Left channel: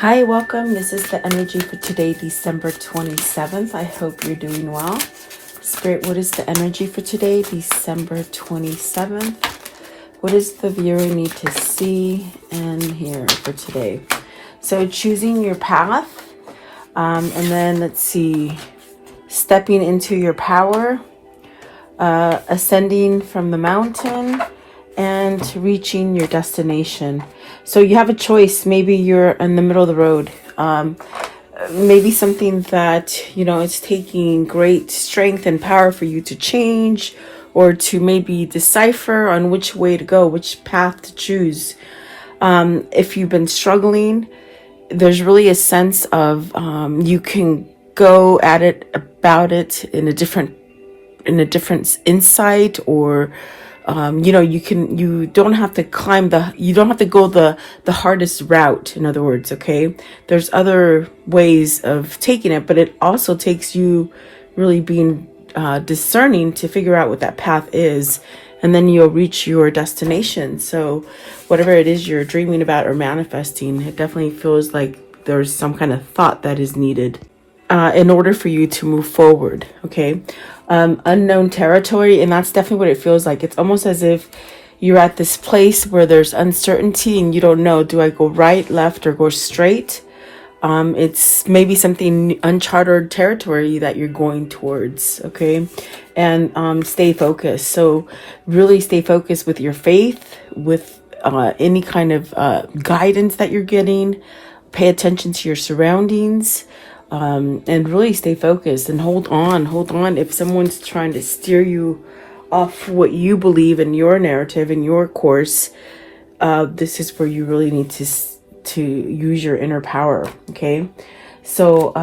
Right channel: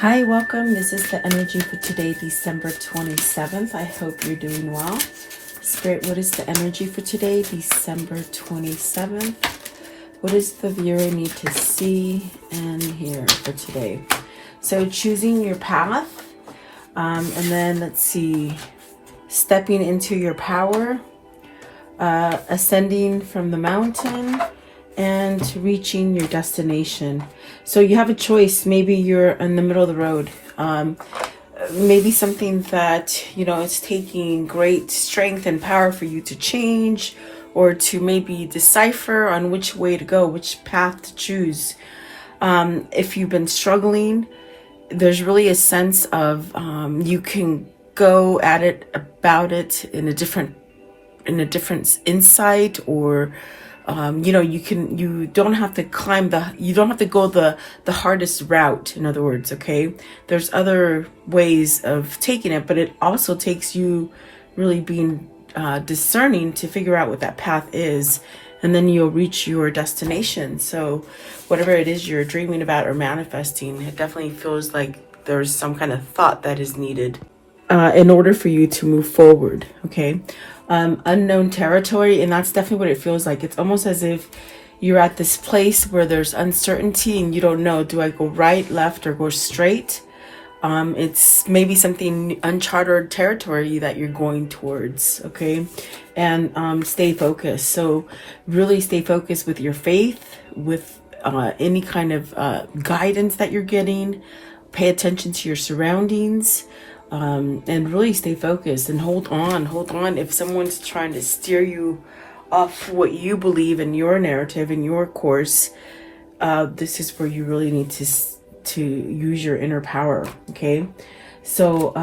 Hi, welcome. This is the energy for today, December 27th. I hope you're doing well. Spirit, what is the energy for today, December 27th? What does the viewer need to see and hear for today? So choosing your path, and then let's see, stepping into your power, ascending from the mountain, and reaching your destination. So you have a choice. Maybe you're in the middle of the road. Maybe something that, it's taking great strength and power for you to change, or to maybe decipher on which way to go, which path to choose. If you've been struggling, there's really a sense of you can go at it, about it in a different insight, or you don't have to go the hardest route. In other words, okay, there's other ways of taking it, but it also takes you really being discerning to figure out what that path is, and then you'll reach your destination. So whatever it is you're dreaming about or manifesting, it definitely feels like there's some kind of thought that is needed in order for you to move forward. Okay. Unknown territory, and that's definitely what it feels like. It's almost as if you're at this place where there's uncertainty and you don't know, do I go right, left, or go straight? It's maybe something uncharted territory that you're going towards. Okay. And stay focused. So really stay focused with your faith, with any kind of guidance that you're getting. Pay attention to your surroundings. And really stay focused and hold on. If someone's trying to steer you off what you believe in your narrative, in your course, this is where you really need to use your inner power. Okay. So,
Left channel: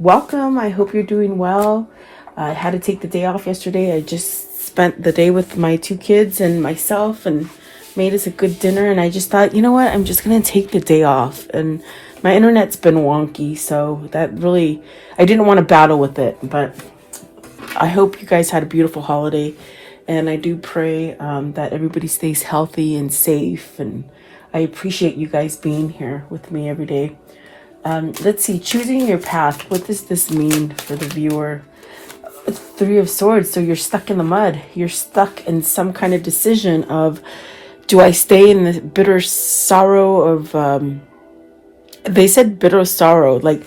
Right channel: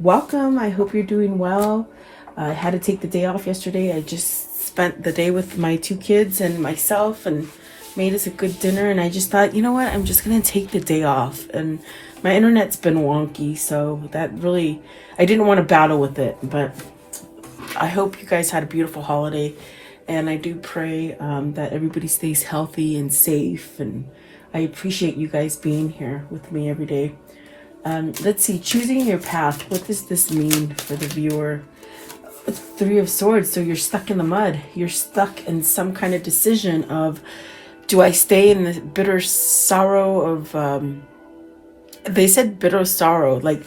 welcome. I hope you're doing well. I had to take the day off yesterday. I just spent the day with my two kids and myself and made us a good dinner. And I just thought, you know what? I'm just going to take the day off. And my internet's been wonky, so that really, I didn't want to battle with it, but I hope you guys had a beautiful holiday, and I do pray that everybody stays healthy and safe, and I appreciate you guys being here with me every day. Let's see, choosing your path. What does this mean for the viewer? It's Three of Swords, so you're stuck in the mud. You're stuck in some kind of decision of, do I stay in the bitter sorrow of... they said bitter sorrow, like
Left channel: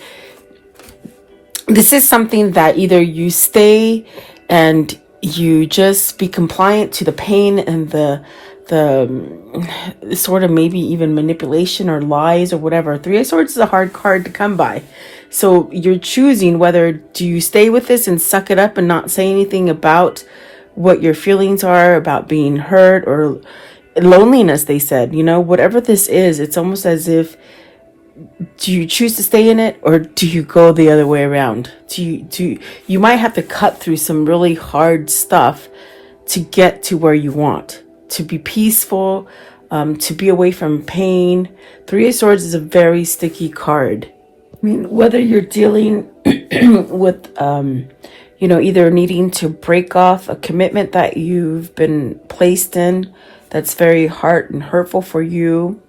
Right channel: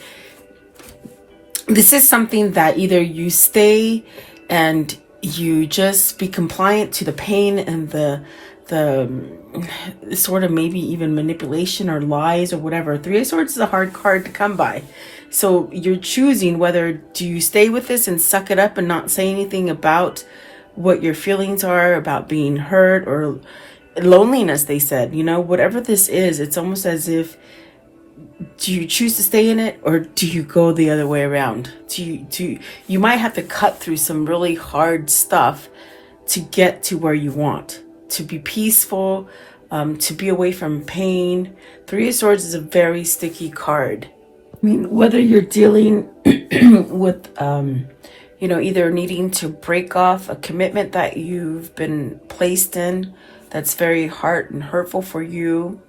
this is something that either you stay and you just be compliant to the pain and the sort of maybe even manipulation or lies or whatever. Three of Swords is a hard card to come by. So you're choosing whether do you stay with this and suck it up and not say anything about what your feelings are, about being hurt or loneliness. They said, whatever this is, it's almost as if, do you choose to stay in it, or do you go the other way around? You might have to cut through some really hard stuff to get to where you want, to be peaceful, to be away from pain. Three of Swords is a very sticky card. I mean, whether you're dealing with, either needing to break off a commitment that you've been placed in that's very hard and hurtful for you,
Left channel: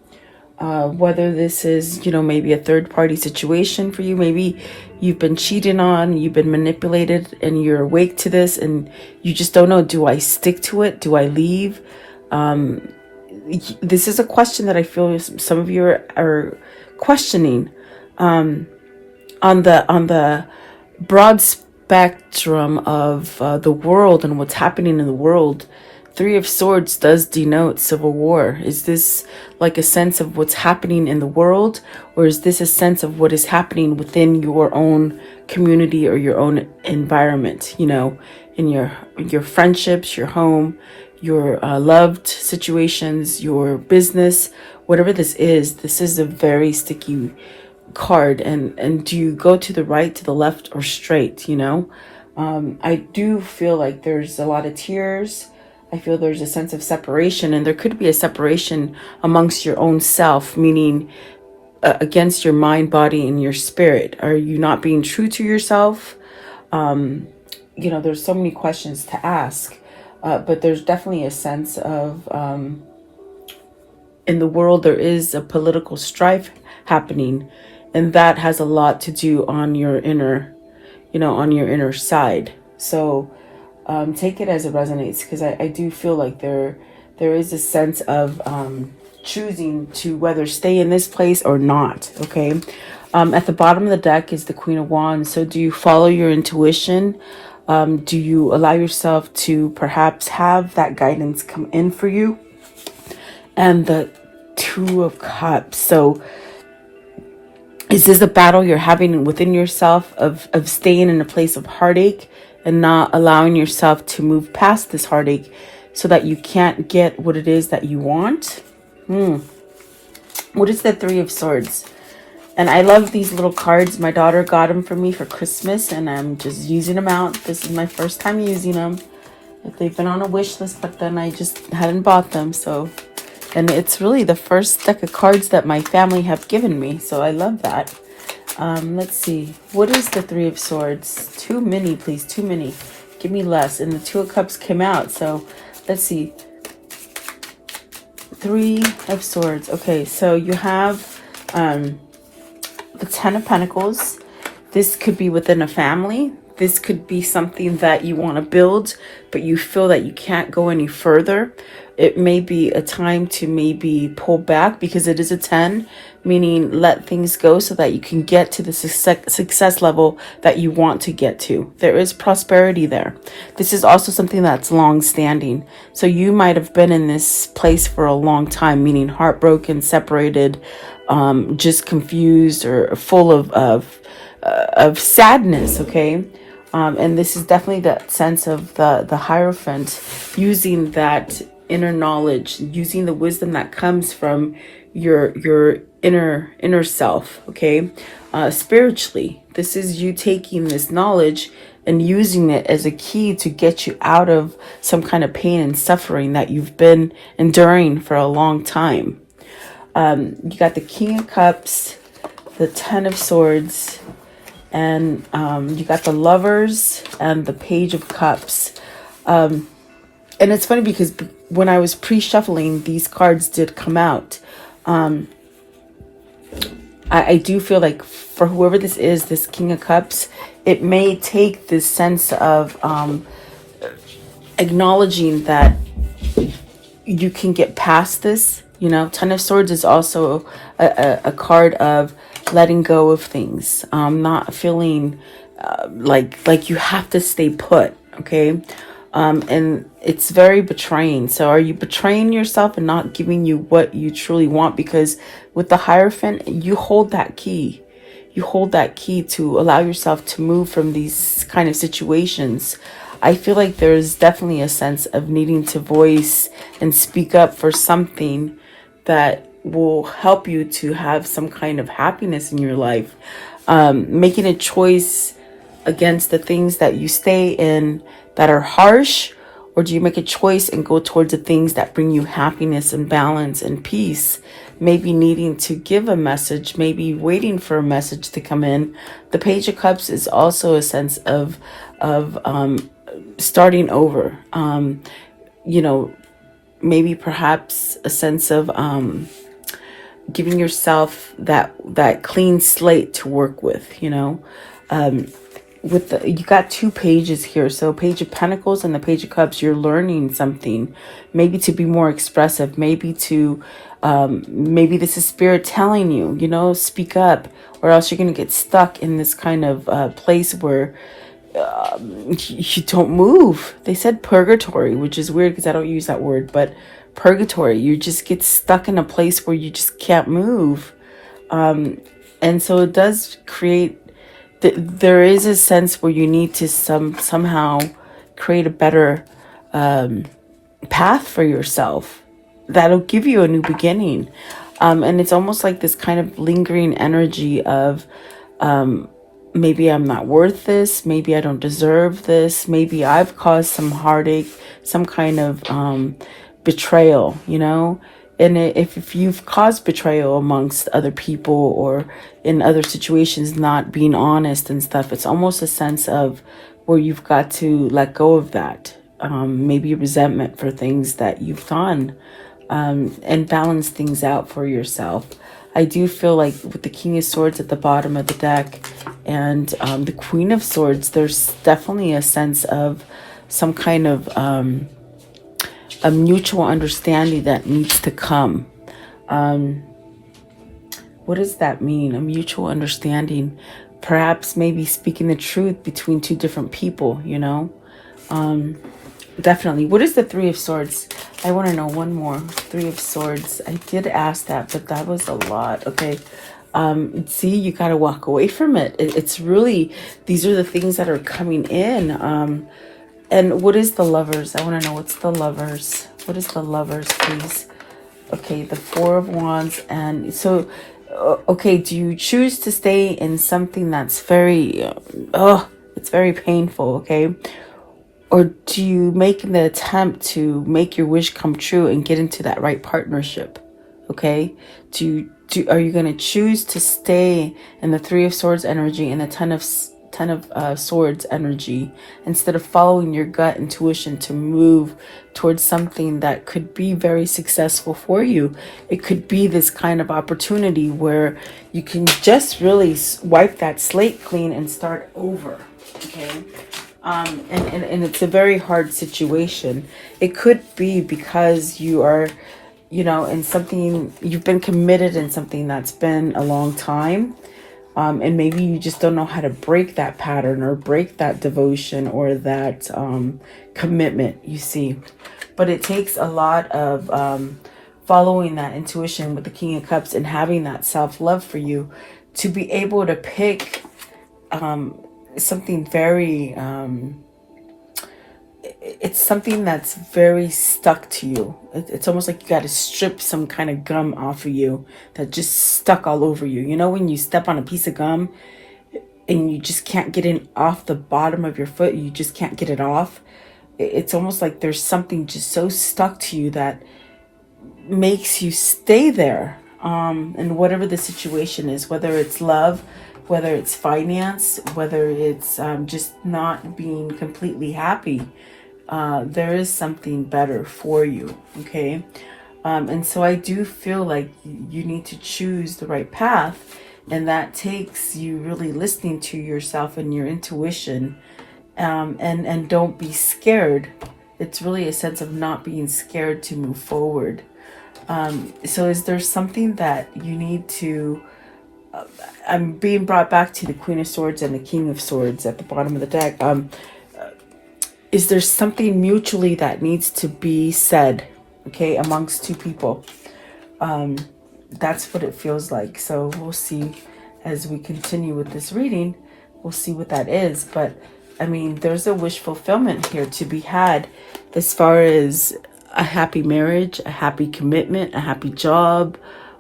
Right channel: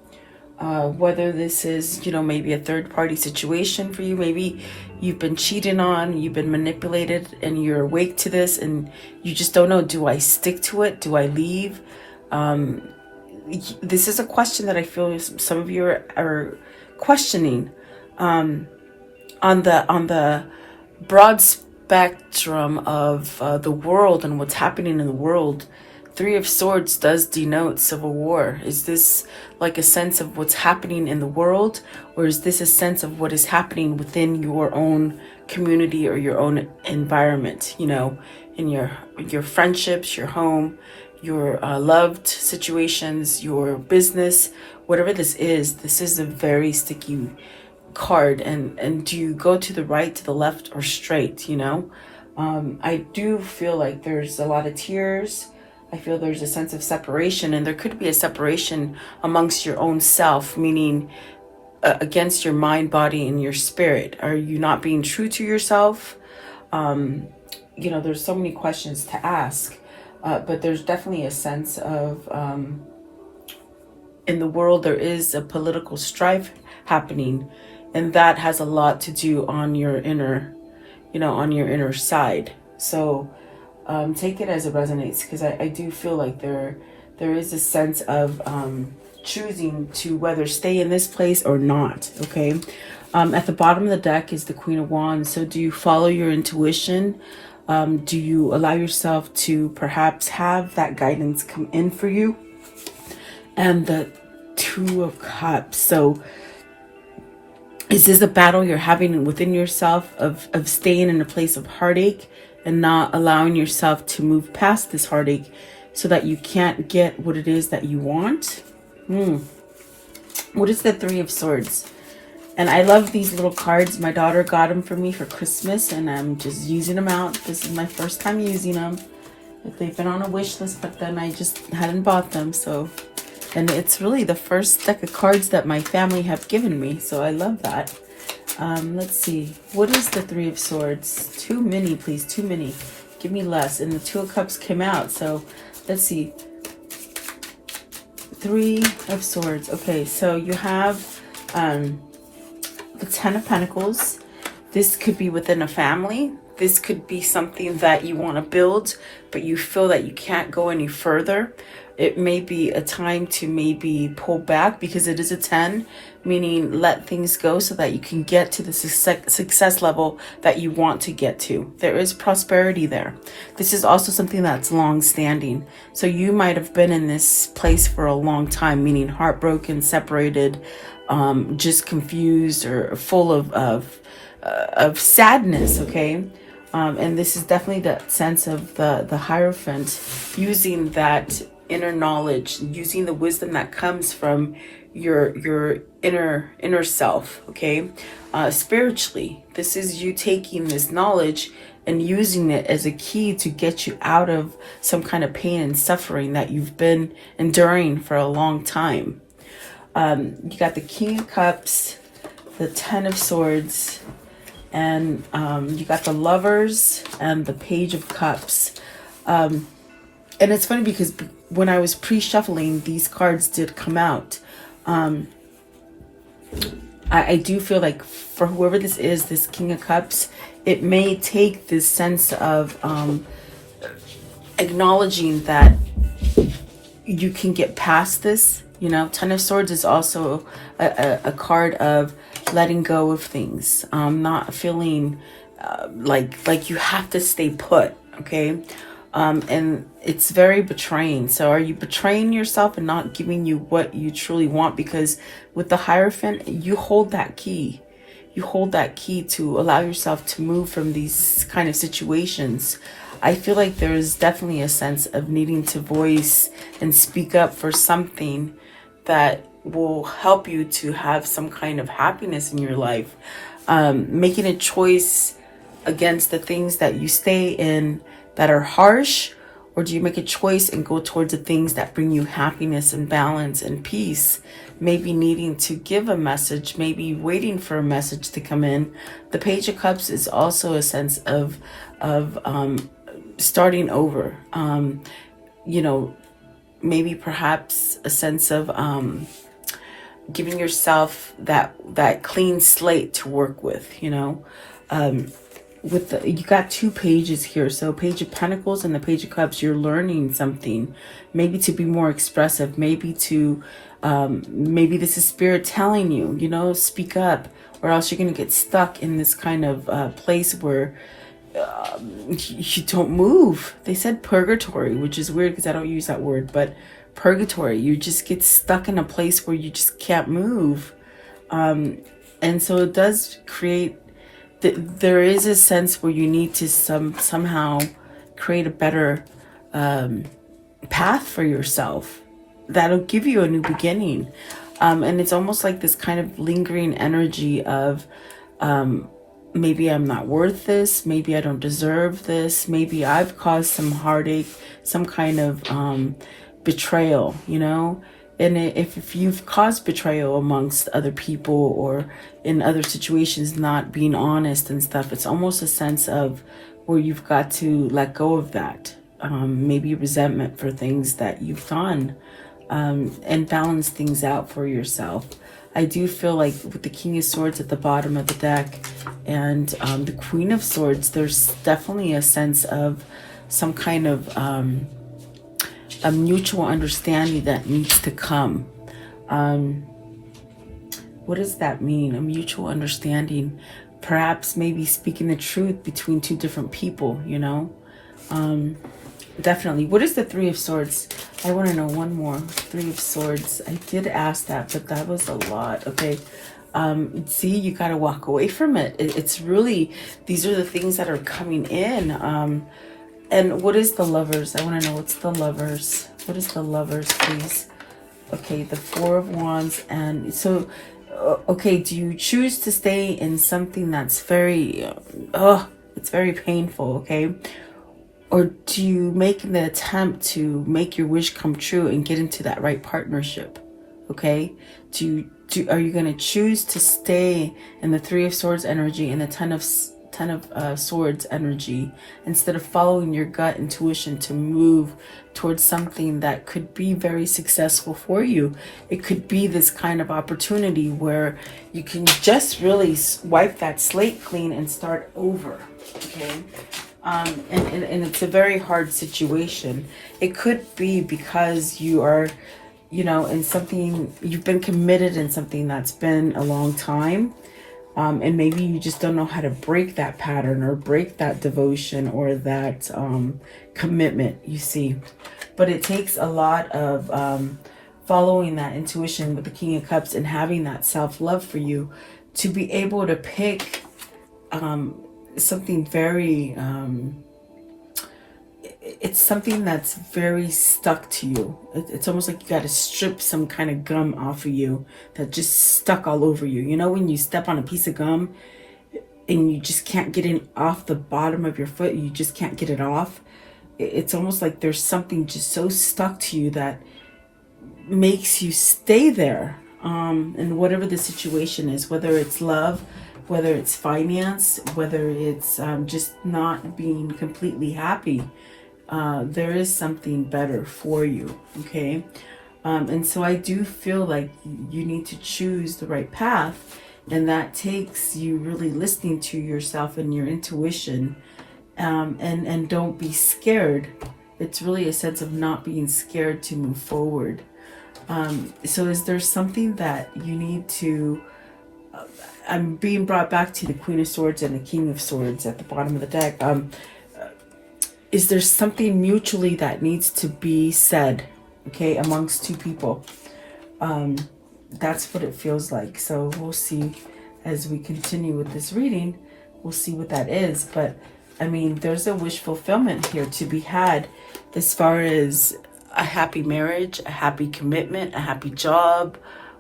whether this is, maybe a third party situation for you, maybe you've been cheated on, you've been manipulated, and you're awake to this and you just don't know, do I stick to it? Do I leave? This is a question that I feel some of you are questioning. On the broad spectrum of the world and what's happening in the world, Three of Swords does denote civil war. Is this like a sense of what's happening in the world, or is this a sense of what is happening within your own community or your own environment? In your friendships, your home, your loved situations, your business, whatever this is a very sticky card. And do you go to the right, to the left, or straight? I do feel like there's a lot of tears. I feel there's a sense of separation, and there could be a separation amongst your own self, meaning against your mind, body, and your spirit. Are you not being true to yourself? There's so many questions to ask, but there's definitely a sense of in the world there is a political strife happening, and that has a lot to do on your inner, on your inner side. So take it as it resonates, because I do feel like there is a sense of choosing to whether stay in this place or not. Okay. At the bottom of the deck is the Queen of Wands. So do you follow your intuition? Do you allow yourself to perhaps have that guidance come in for you? And the Two of Cups. So is this a battle you're having within yourself of staying in a place of heartache and not allowing yourself to move past this heartache so that you can't get what it is that you want? What is the Three of Swords? And I love these little cards. My daughter got them for me for Christmas, and I'm just using them out. This is my first time using them. They've been on a wish list, but then I just hadn't bought them. So, and it's really the first deck of cards that my family have given me. So I love that. Let's see. What is the Three of Swords? Too many, please. Too many. Give me less. And the Two of Cups came out. So let's see. Three of Swords. Okay, so you have the Ten of Pentacles. This could be within a family. This could be something that you want to build, but you feel that you can't go any further. It may be a time to maybe pull back, because it is a 10, meaning let things go so that you can get to the success level that you want to get to. There is prosperity there. This is also something that's long standing. So you might have been in this place for a long time, meaning heartbroken, separated, just confused or full of sadness. Okay. And this is definitely that sense of the Hierophant, using that inner knowledge, using the wisdom that comes from your inner self. Okay. Spiritually, this is you taking this knowledge and using it as a key to get you out of some kind of pain and suffering that you've been enduring for a long time. You got the King of Cups, the Ten of Swords, and you got the Lovers and the Page of Cups. And it's funny because when I was pre-shuffling, these cards did come out. I do feel like for whoever this is, this King of Cups, it may take this sense of acknowledging that you can get past this. Ten of Swords is also a card of letting go of things, not feeling like you have to stay put. Okay. And it's very betraying. So are you betraying yourself and not giving you what you truly want? Because with the Hierophant, you hold that key. You hold that key to allow yourself to move from these kind of situations. I feel like there's definitely a sense of needing to voice and speak up for something that will help you to have some kind of happiness in your life. Making a choice against the things that you stay in that are harsh, or do you make a choice and go towards the things that bring you happiness and balance and peace? Maybe needing to give a message, maybe waiting for a message to come in. The Page of Cups is also a sense of starting over. Maybe perhaps a sense of giving yourself that clean slate to work with. You got two pages here. So Page of Pentacles and the Page of Cups, you're learning something, maybe to be more expressive, maybe to maybe this is Spirit telling you, speak up, or else you're going to get stuck in this kind of place where you don't move. They said purgatory, which is weird because I don't use that word, but purgatory, you just get stuck in a place where you just can't move. And so it does create there is a sense where you need to somehow create a better path for yourself that'll give you a new beginning. And it's almost like this kind of lingering energy of maybe I'm not worth this, maybe I don't deserve this, maybe I've caused some heartache, some kind of betrayal, And if you've caused betrayal amongst other people or in other situations, not being honest and stuff, it's almost a sense of where you've got to let go of that. Maybe resentment for things that you've done. and balance things out for yourself. I do feel like with the King of Swords at the bottom of the deck and the Queen of Swords, there's definitely a sense of some kind of a mutual understanding that needs to come. What does that mean? A mutual understanding. Perhaps maybe speaking the truth between two different people, you know? Definitely. What is the Three of Swords? I want to know one more. Three of Swords. I did ask that, but that was a lot. Okay. See, you got to walk away from it. It's really, these are the things that are coming in. And what is the Lovers? I want to know what's the Lovers. What is the Lovers, please? Okay, the Four of Wands. And so, okay, do you choose to stay in something that's very, it's very painful, okay? Or do you make the attempt to make your wish come true and get into that right partnership? Okay. Are you going to choose to stay in the Three of Swords energy and the Ten of Swords energy instead of following your gut intuition to move towards something that could be very successful for you? It could be this kind of opportunity where you can just really wipe that slate clean and start over. Okay. And it's a very hard situation. It could be because you are, you know, in something, you've been committed in something that's been a long time. And maybe you just don't know how to break that pattern or break that devotion or that commitment, you see. But it takes a lot of following that intuition with the King of Cups and having that self-love for you to be able to pick something very it's something that's very stuck to you. It's almost like you got to strip some kind of gum off of you that just stuck all over you. You know, when you step on a piece of gum and you just can't get it off the bottom of your foot, you just can't get it off. It's almost like there's something just so stuck to you that makes you stay there. And whatever the situation is, whether it's love, whether it's finance, whether it's just not being completely happy, there is something better for you, okay? And so I do feel like you need to choose the right path, and that takes you really listening to yourself and your intuition, and don't be scared. It's really a sense of not being scared to move forward. So is there something that you need to... I'm being brought back to the Queen of Swords and the King of Swords at the bottom of the deck. Is there something mutually that needs to be said, okay, amongst two people? That's what it feels like. So we'll see as we continue with this reading. We'll see what that is. But, I mean, there's a wish fulfillment here to be had as far as a happy marriage, a happy commitment, a happy job,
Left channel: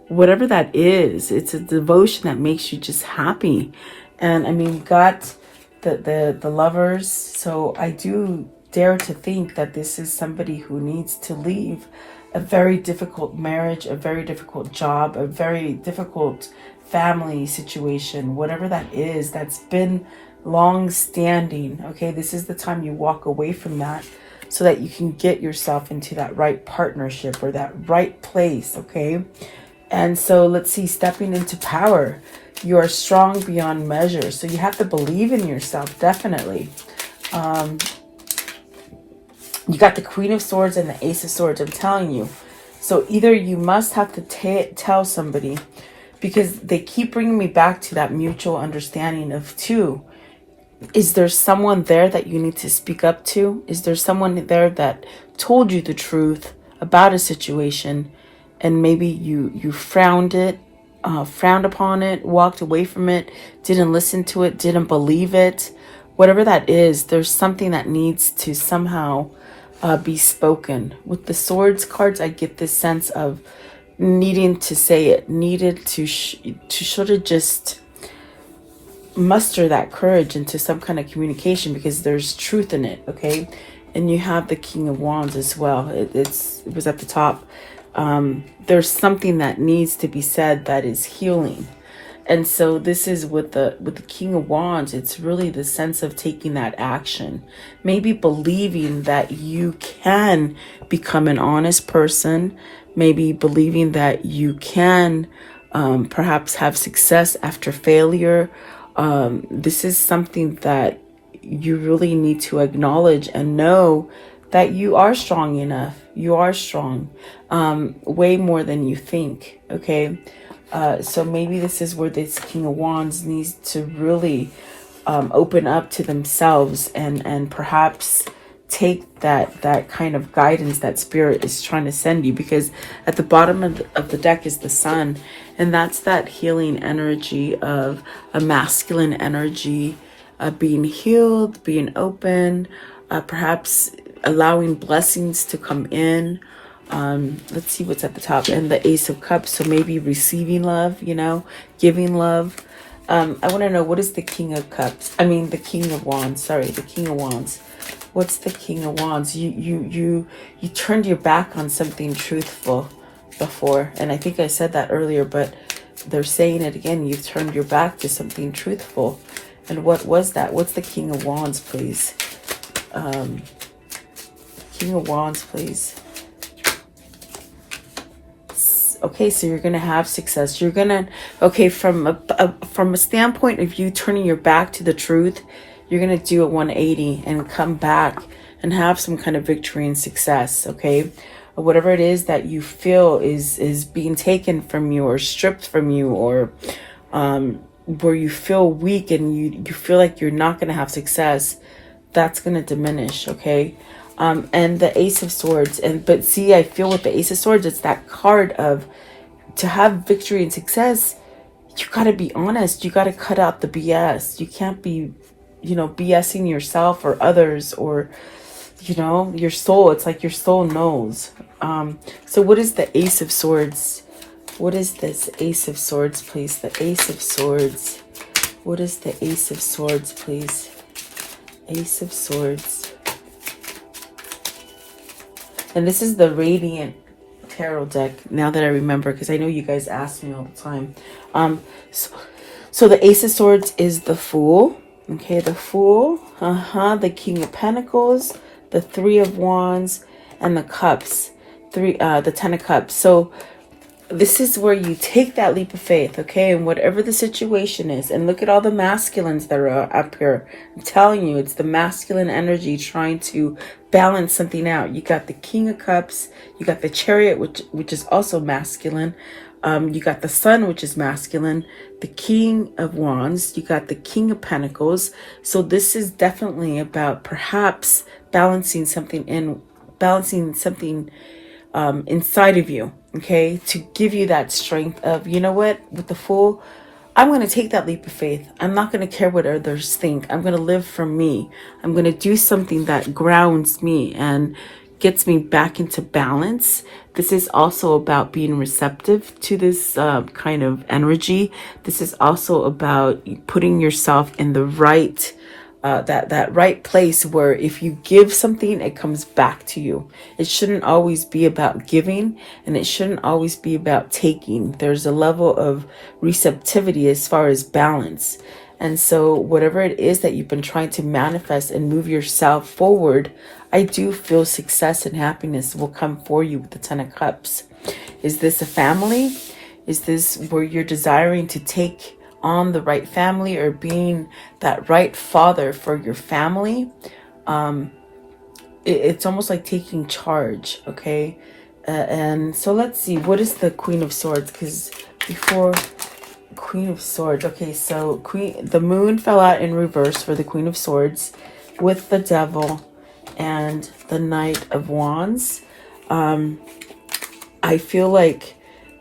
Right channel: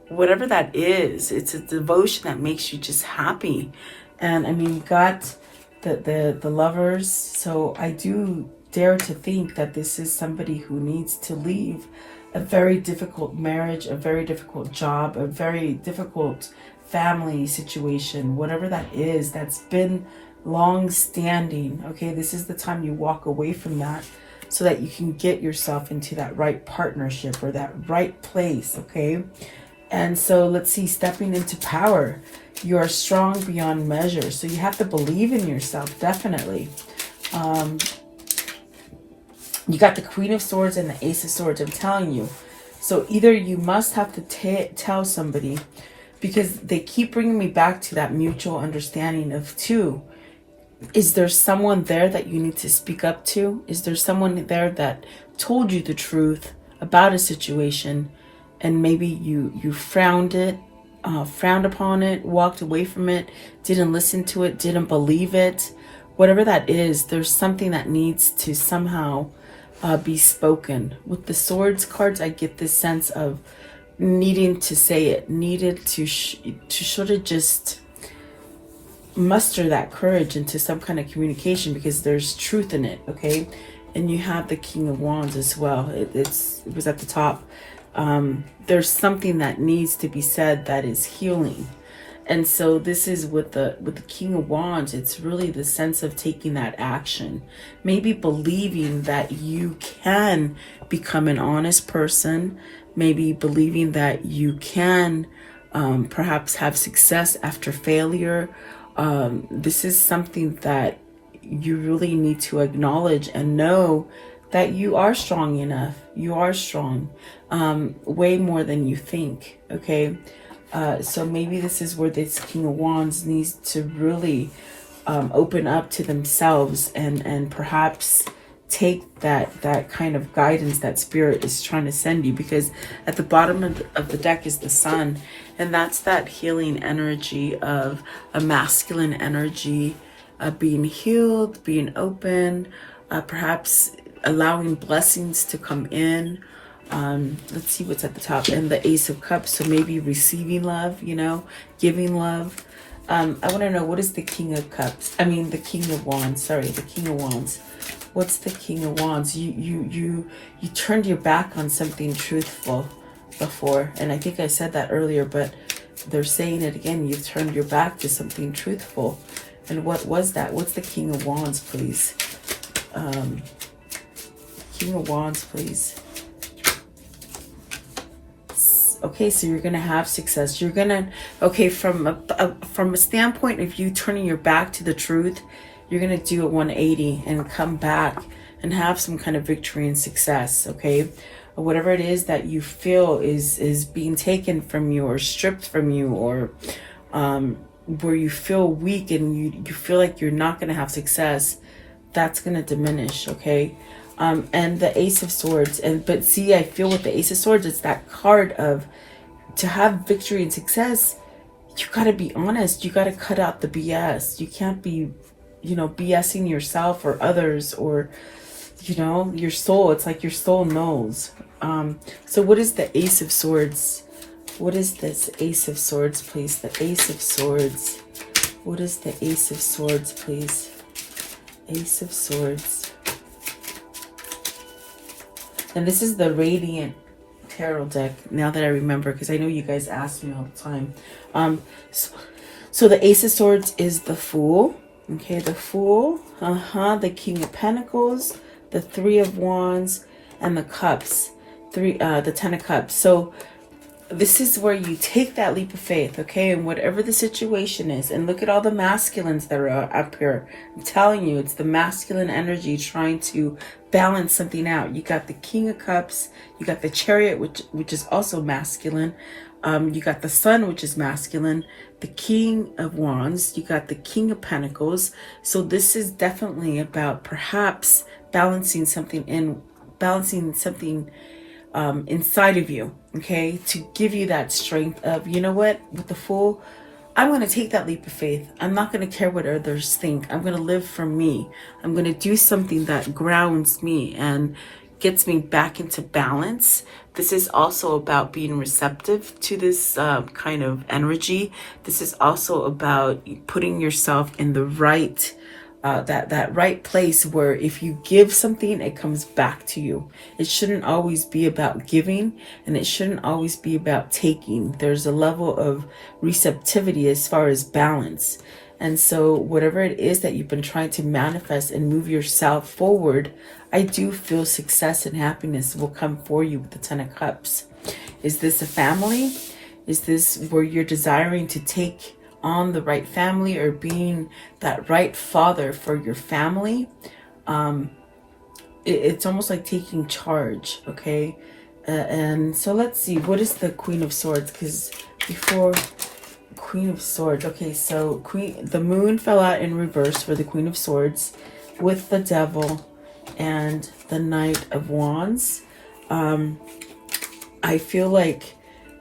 whatever that is. It's a devotion that makes you just happy. And I mean, we got the Lovers. So I do dare to think that this is somebody who needs to leave a very difficult marriage, a very difficult job, a very difficult family situation, whatever that is, that's been long standing. Okay, this is the time you walk away from that so that you can get yourself into that right partnership or that right place. Okay. And so let's see, stepping into power. You are strong beyond measure. So you have to believe in yourself, definitely. You got the Queen of Swords and the Ace of Swords, I'm telling you. So either you must have to tell somebody, because they keep bringing me back to that mutual understanding of two. Is there someone there that you need to speak up to? Is there someone there that told you the truth about a situation, and maybe you frowned upon it, walked away from it, didn't listen to it, didn't believe it? Whatever that is, there's something that needs to somehow be spoken. With the Swords cards, I get this sense of needing to say it, needed to sort of just muster that courage into some kind of communication, because there's truth in it, okay? And you have the King of Wands as well. It was at the top. There's something that needs to be said that is healing. And so this is with the King of Wands. It's really the sense of taking that action, maybe believing that you can become an honest person, maybe believing that you can perhaps have success after failure. This is something that you really need to acknowledge and know that you are strong enough. You are strong, way more than you think. Okay. So maybe this is where this King of Wands needs to really open up to themselves and perhaps take that kind of guidance that Spirit is trying to send you, because at the bottom of the deck is the Sun, and that's that healing energy of a masculine energy, being healed, being open, perhaps allowing blessings to come in. Let's see what's at the top, and the Ace of Cups. So maybe receiving love, giving love. I want to know, what is the King of Cups? I mean, the King of Wands. Sorry, the King of Wands. What's the King of Wands? You turned your back on something truthful before, and I think I said that earlier, but they're saying it again. You've turned your back to something truthful. And what was that? What's the King of Wands, please? King of Wands, please. Okay, so you're gonna have success. You're gonna, okay, from a standpoint of you turning your back to the truth, you're gonna do a 180 and come back and have some kind of victory and success. Okay, whatever it is that you feel is being taken from you or stripped from you, or where you feel weak and you feel like you're not gonna have success, that's gonna diminish. Okay. And the Ace of Swords, but see, I feel with the Ace of Swords, it's that card of, to have victory and success, you got to be honest. You got to cut out the BS. You can't be, BSing yourself or others, or, your soul. It's like your soul knows. So what is the Ace of Swords? What is this Ace of Swords, please? The Ace of Swords. What is the Ace of Swords, please? Ace of Swords. And this is the Radiant Tarot deck, now that I remember, because I know you guys ask me all the time. So the Ace of Swords is the Fool. Okay, the Fool. The King of Pentacles, the Three of Wands, and the Cups. The Ten of Cups. So this is where you take that leap of faith, okay? And whatever the situation is, and look at all the masculines that are up here. I'm telling you, it's the masculine energy trying to balance something out. You got the King of Cups, you got the Chariot, which is also masculine. You got the Sun, which is masculine, the King of Wands, you got the King of Pentacles. So this is definitely about perhaps balancing something inside of you, okay, to give you that strength of, you know what, with the Fool, I'm going to take that leap of faith. I'm not going to care what others think. I'm going to live for me. I'm going to do something that grounds me and gets me back into balance. This is also about being receptive to this kind of energy. This is also about putting yourself in the right that right place where if you give something, it comes back to you. It shouldn't always be about giving, and it shouldn't always be about taking. There's a level of receptivity as far as balance. And so whatever it is that you've been trying to manifest and move yourself forward, I do feel success and happiness will come for you with the Ten of Cups. Is this a family? Is this where you're desiring to take on the right family, or being that right father for your family? It's almost like taking charge, okay? And so let's see, what is the Queen of Swords? Because before Queen of Swords, okay, so the Moon fell out in reverse for the Queen of Swords, with the Devil and the Knight of Wands. I feel like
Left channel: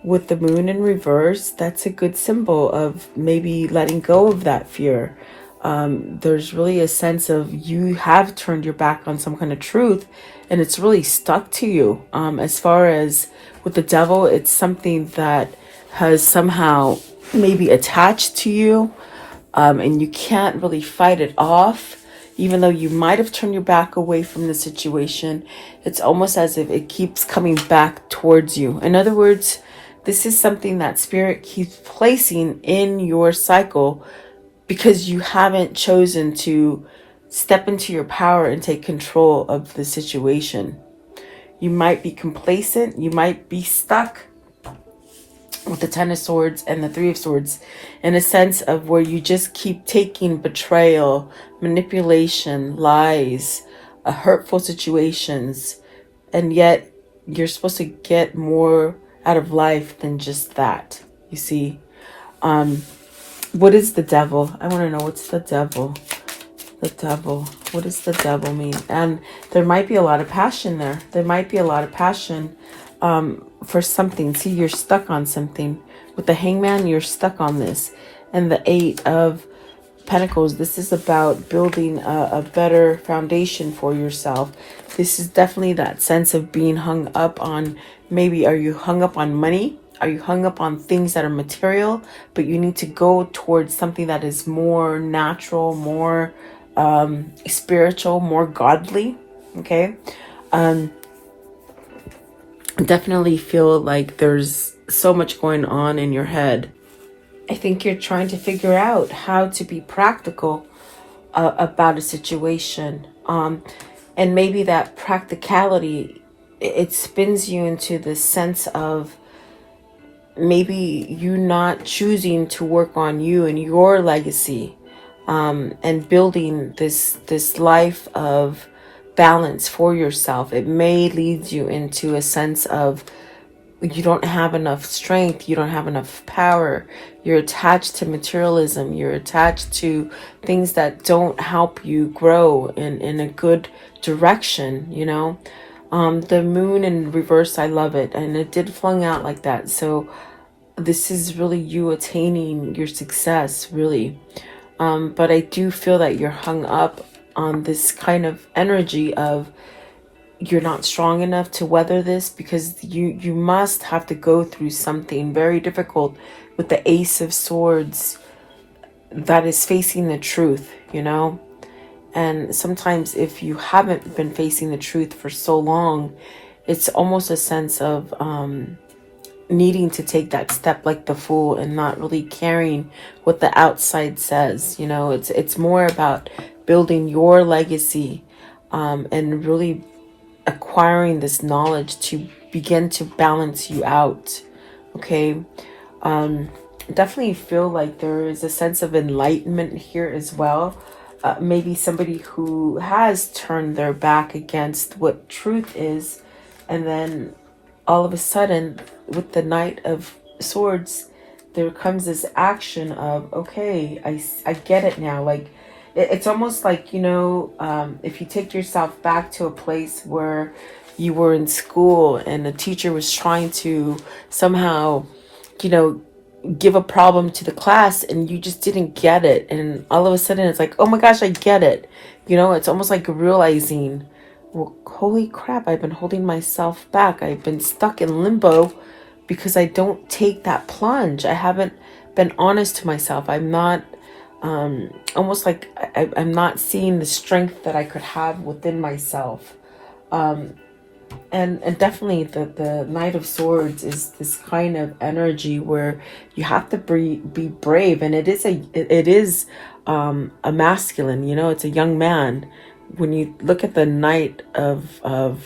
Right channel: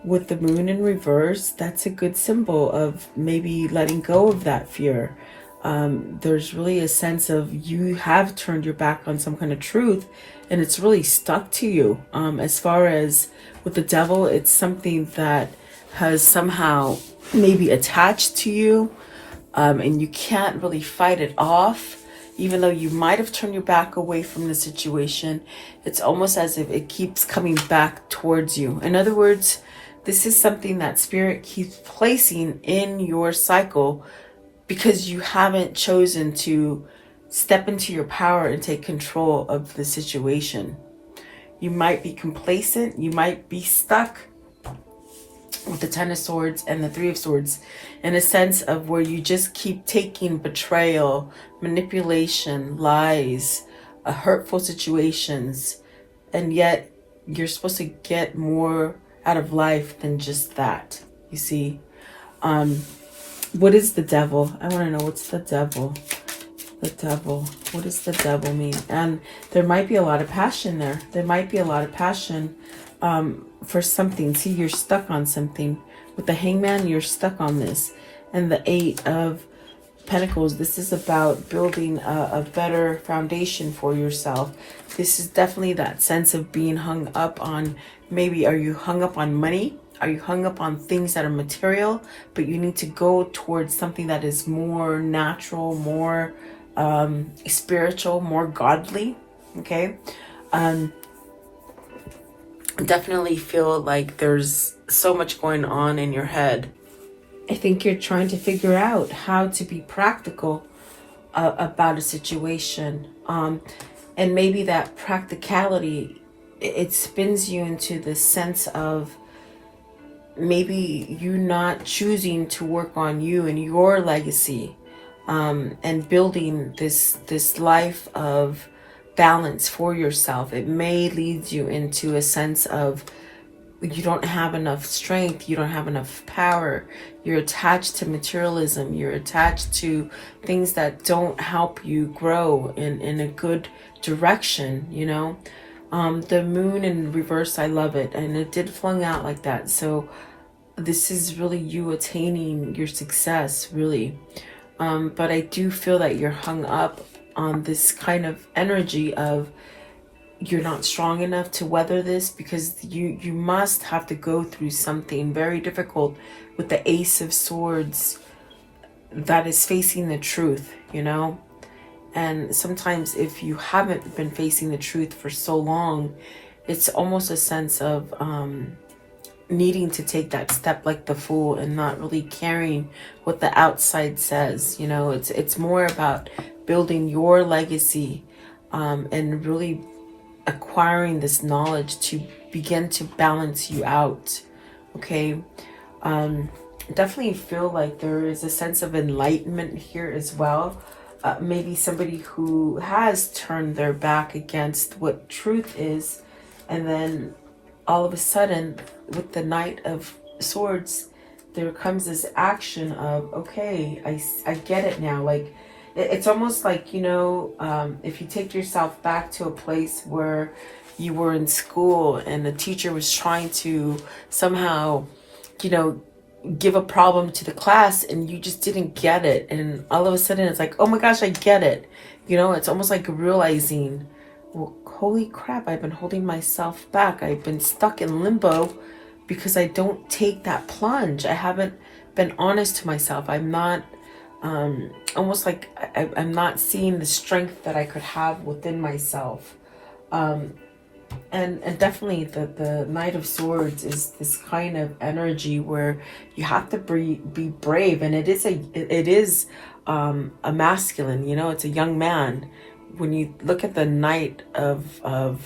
with the Moon in reverse, that's a good symbol of maybe letting go of that fear. There's really a sense of you have turned your back on some kind of truth, and it's really stuck to you. As far as with the Devil, it's something that has somehow maybe attached to you, and you can't really fight it off. Even though you might have turned your back away from the situation, it's almost as if it keeps coming back towards you. In other words, this is something that Spirit keeps placing in your cycle because you haven't chosen to step into your power and take control of the situation. You might be complacent. You might be stuck with the Ten of Swords and the Three of Swords in a sense of where you just keep taking betrayal, manipulation, lies, hurtful situations, and yet you're supposed to get more out of life than just that. You see, what is the devil? I want to know, what's the devil? The devil. What does the devil mean? And there might be a lot of passion there. There might be a lot of passion for something. See, you're stuck on something. With the Hangman, you're stuck on this. And the Eight of Pentacles, this is about building a better foundation for yourself. This is definitely that sense of being hung up on, maybe are you hung up on money? Are you hung up on things that are material? But you need to go towards something that is more natural, more spiritual, more godly. Okay. Definitely feel like there's so much going on in your head. I think you're trying to figure out how to be practical about a situation. And maybe that practicality, it spins you into the sense of maybe you not choosing to work on you and your legacy, and building this life of balance for yourself. It may lead you into a sense of you don't have enough strength, you don't have enough power, you're attached to materialism, you're attached to things that don't help you grow in a good direction, you know. The moon in reverse, I love it, and it did flung out like that. So this is really you attaining your success, really. But I do feel that you're hung up on this kind of energy of you're not strong enough to weather this, because you must have to go through something very difficult with the Ace of Swords that is facing the truth, you know. And sometimes if you haven't been facing the truth for so long, it's almost a sense of needing to take that step like the Fool and not really caring what the outside says. You know, it's more about building your legacy, and really acquiring this knowledge to begin to balance you out. Okay. Definitely feel like there is a sense of enlightenment here as well. Maybe somebody who has turned their back against what truth is, and then all of a sudden with the Knight of Swords there comes this action of, okay, I get it now. Like it's almost like, you know, if you take yourself back to a place where you were in school and the teacher was trying to somehow, you know, give a problem to the class and you just didn't get it, and all of a sudden it's like, oh my gosh, I get it. You know, it's almost like realizing, well, holy crap, I've been holding myself back. I've been stuck in limbo because I don't take that plunge. I haven't been honest to myself. I'm not almost like I'm not seeing the strength that I could have within myself. And definitely the Knight of Swords is this kind of energy where you have to be brave, and it is a masculine, you know, it's a young man. When you look at the Knight of the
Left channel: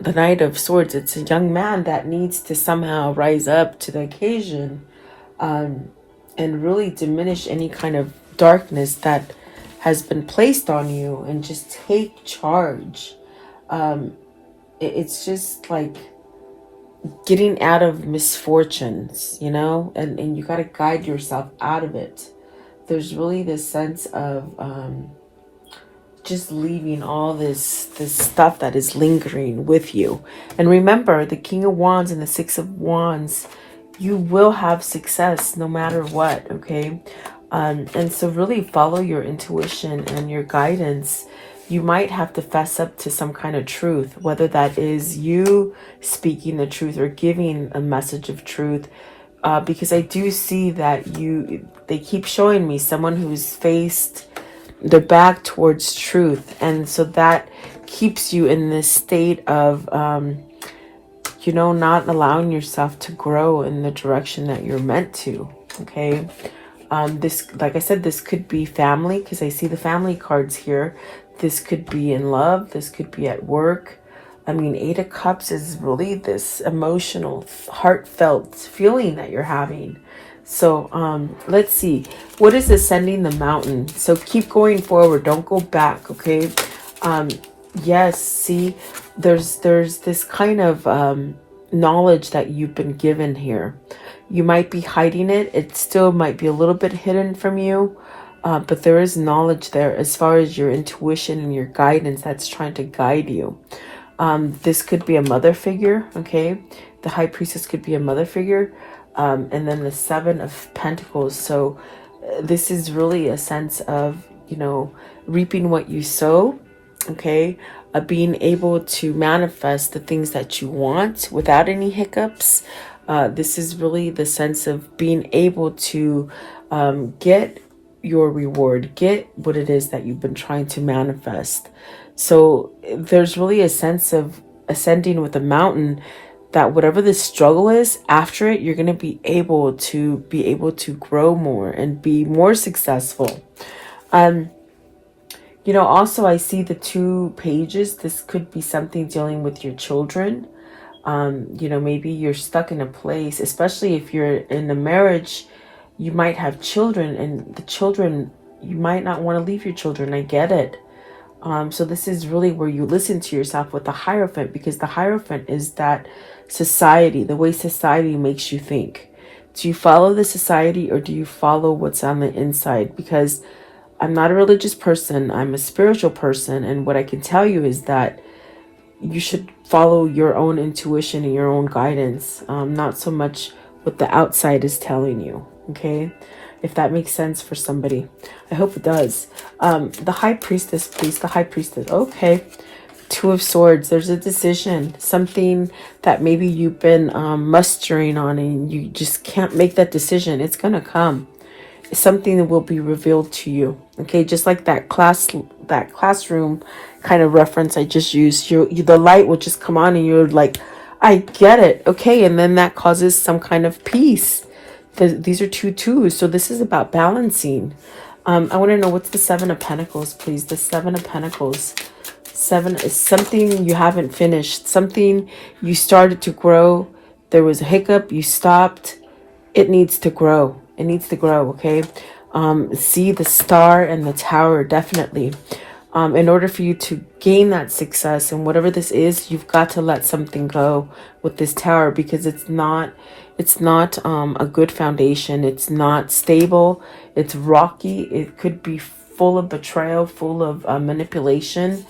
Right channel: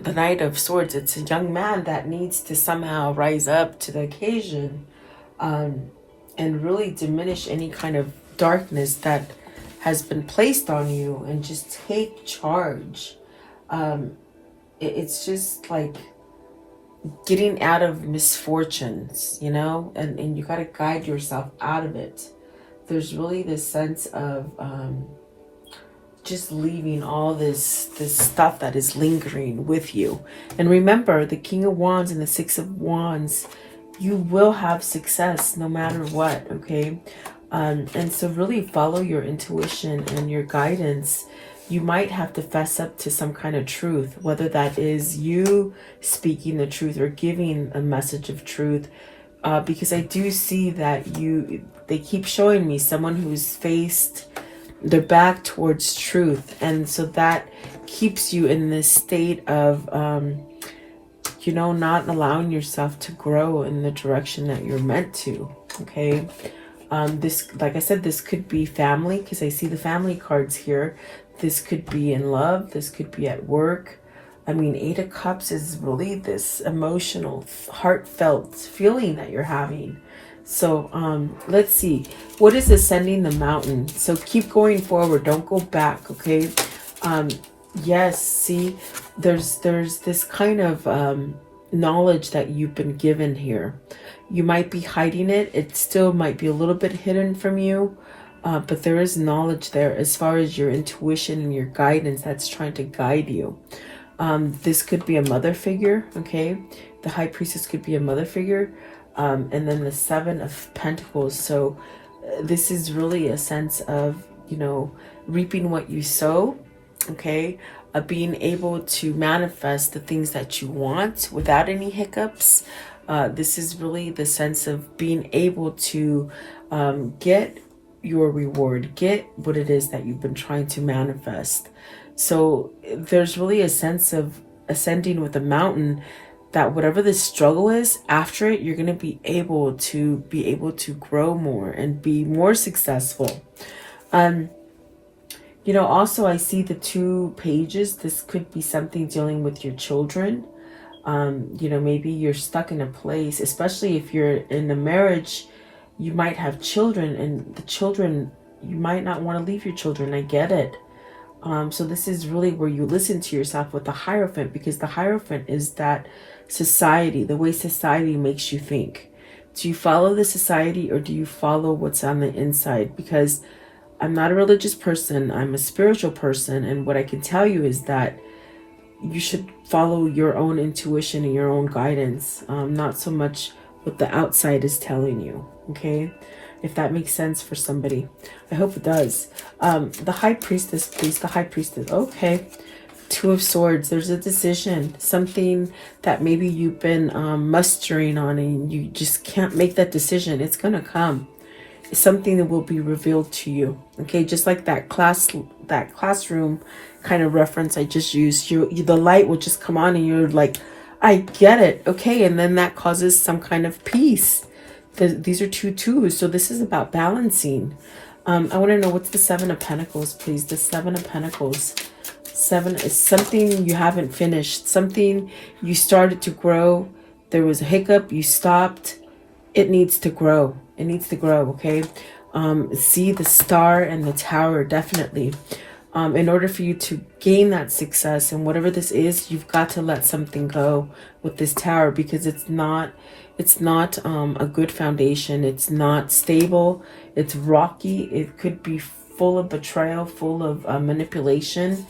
Knight of Swords, it's a young man that needs to somehow rise up to the occasion, and really diminish any kind of darkness that has been placed on you and just take charge. It's just like getting out of misfortunes, you know, and you got to guide yourself out of it. There's really this sense of just leaving all this stuff that is lingering with you. And remember, the King of Wands and the Six of Wands, you will have success no matter what, okay? And so really follow your intuition and your guidance. You might have to fess up to some kind of truth, whether that is you speaking the truth or giving a message of truth. Because I do see that they keep showing me someone who's faced their back towards truth. And so that keeps you in this state of, not allowing yourself to grow in the direction that you're meant to. Okay. This, like I said, this could be family, because I see the family cards here. This could be in love. This could be at work. I mean, 8 of Cups is really this emotional, heartfelt feeling that you're having. So let's see. What is ascending the mountain? So keep going forward. Don't go back, okay? Yes, see, there's this kind of knowledge that you've been given here. You might be hiding it. It still might be a little bit hidden from you. But there is knowledge there as far as your intuition and your guidance that's trying to guide you. This could be a mother figure, okay? The High Priestess could be a mother figure. And then the 7 of Pentacles. So this is really a sense of, reaping what you sow, okay? Being able to manifest the things that you want without any hiccups. This is really the sense of being able to get your reward, get what it is that you've been trying to manifest. So there's really a sense of ascending with a mountain, that whatever the struggle is, after it, you're going to be able to grow more and be more successful. Also I see the 2 pages. This could be something dealing with your children. Maybe you're stuck in a place, especially if you're in a marriage, you might have children, and the children, you might not want to leave your children. I get it. So this is really where you listen to yourself with the Hierophant, because the Hierophant is that society, the way society makes you think. Do you follow the society, or do you follow what's on the inside? Because I'm not a religious person, I'm a spiritual person, and what I can tell you is that you should follow your own intuition and your own guidance, not so much what the outside is telling you, okay? If that makes sense for somebody. I hope it does. The High Priestess, please, the High Priestess. Okay. 2 of Swords. There's a decision, something that maybe you've been mustering on, and you just can't make that decision. It's going to come. It's something that will be revealed to you. Okay, just like that classroom kind of reference I just used. The light will just come on, and you're like, I get it. Okay, and then that causes some kind of peace. These are 2 twos, so this is about balancing. I want to know, what's the 7 of Pentacles, please? The 7 of Pentacles. 7 is something you haven't finished, something you started to grow. There was a hiccup, you stopped. It needs to grow. It needs to grow, okay? See the Star and the Tower, definitely. In order for you to gain that success and whatever this is, you've got to let something go with this Tower, because it's not a good foundation. It's not stable. It's rocky. It could be full of betrayal, full of manipulation.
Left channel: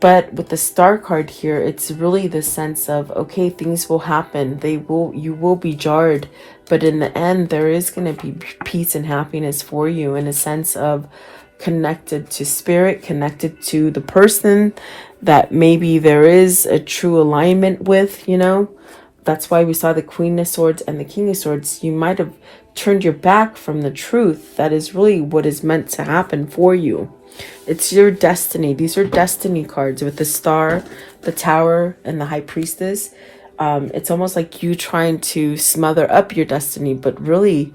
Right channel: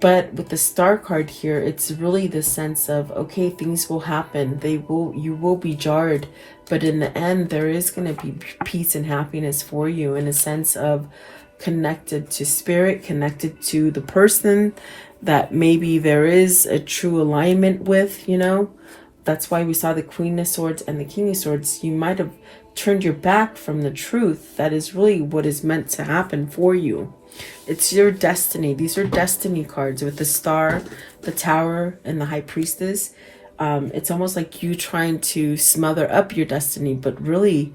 But with the Star card here, it's really the sense of, okay, things will happen. You will be jarred, but in the end, there is going to be peace and happiness for you, in a sense of connected to spirit, connected to the person that maybe there is a true alignment with, That's why we saw the Queen of Swords and the King of Swords. You might have turned your back from the truth. That is really what is meant to happen for you. It's your destiny. These are destiny cards with the Star, the Tower, and the High Priestess. It's almost like you trying to smother up your destiny, but really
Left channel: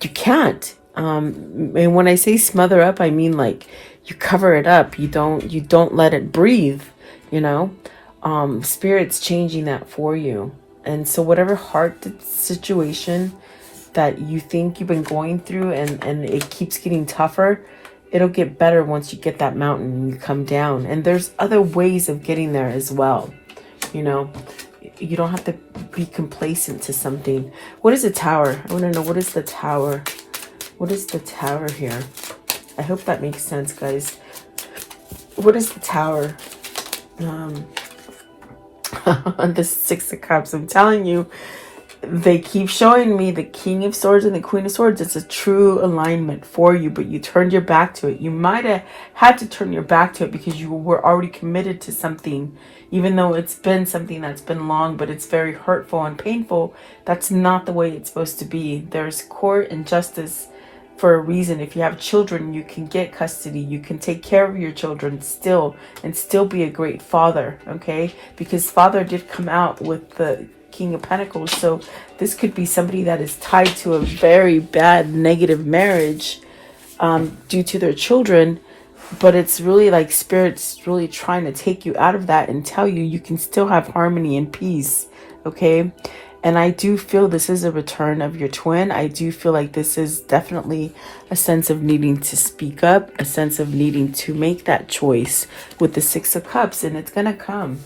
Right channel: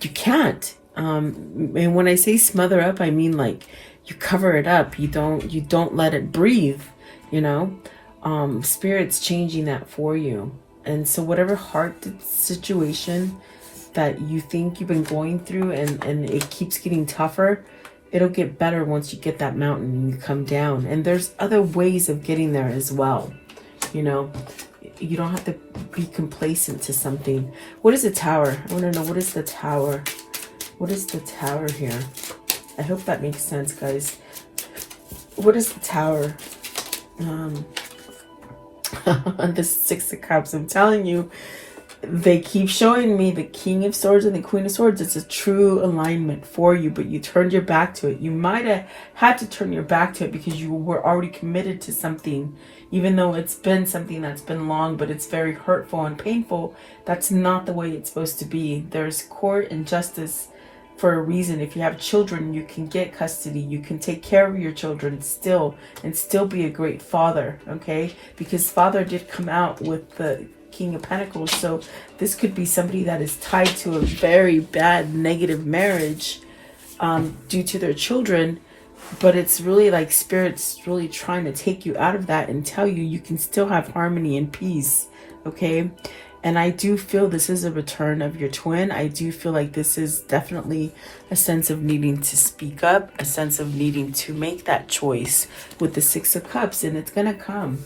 you can't. And when I say smother up, I mean like you cover it up. You don't let it breathe, Spirit's changing that for you. And so whatever heart situation that you think you've been going through, and it keeps getting tougher, it'll get better once you get that mountain and you come down. And there's other ways of getting there as well. You don't have to be complacent to something. What is the Tower? I want to know, what is the Tower? What is the Tower here? I hope that makes sense, guys. What is the Tower? The 6 of Cups. I'm telling you, they keep showing me the King of Swords and the Queen of Swords. It's a true alignment for you, but you turned your back to it. You might have had to turn your back to it because you were already committed to something, even though it's been something that's been long, but it's very hurtful and painful. That's not the way it's supposed to be. There's court and justice for a reason. If you have children, you can get custody. You can take care of your children still and still be a great father, okay? Because Father did come out with the King of Pentacles. So this could be somebody that is tied to a very bad negative marriage due to their children. But it's really like Spirit's really trying to take you out of that and tell you you can still have harmony and peace, okay? And I do feel this is a return of your twin. I do feel like this is definitely a sense of needing to speak up, a sense of needing to make that choice with the Six of Cups, and it's going to come.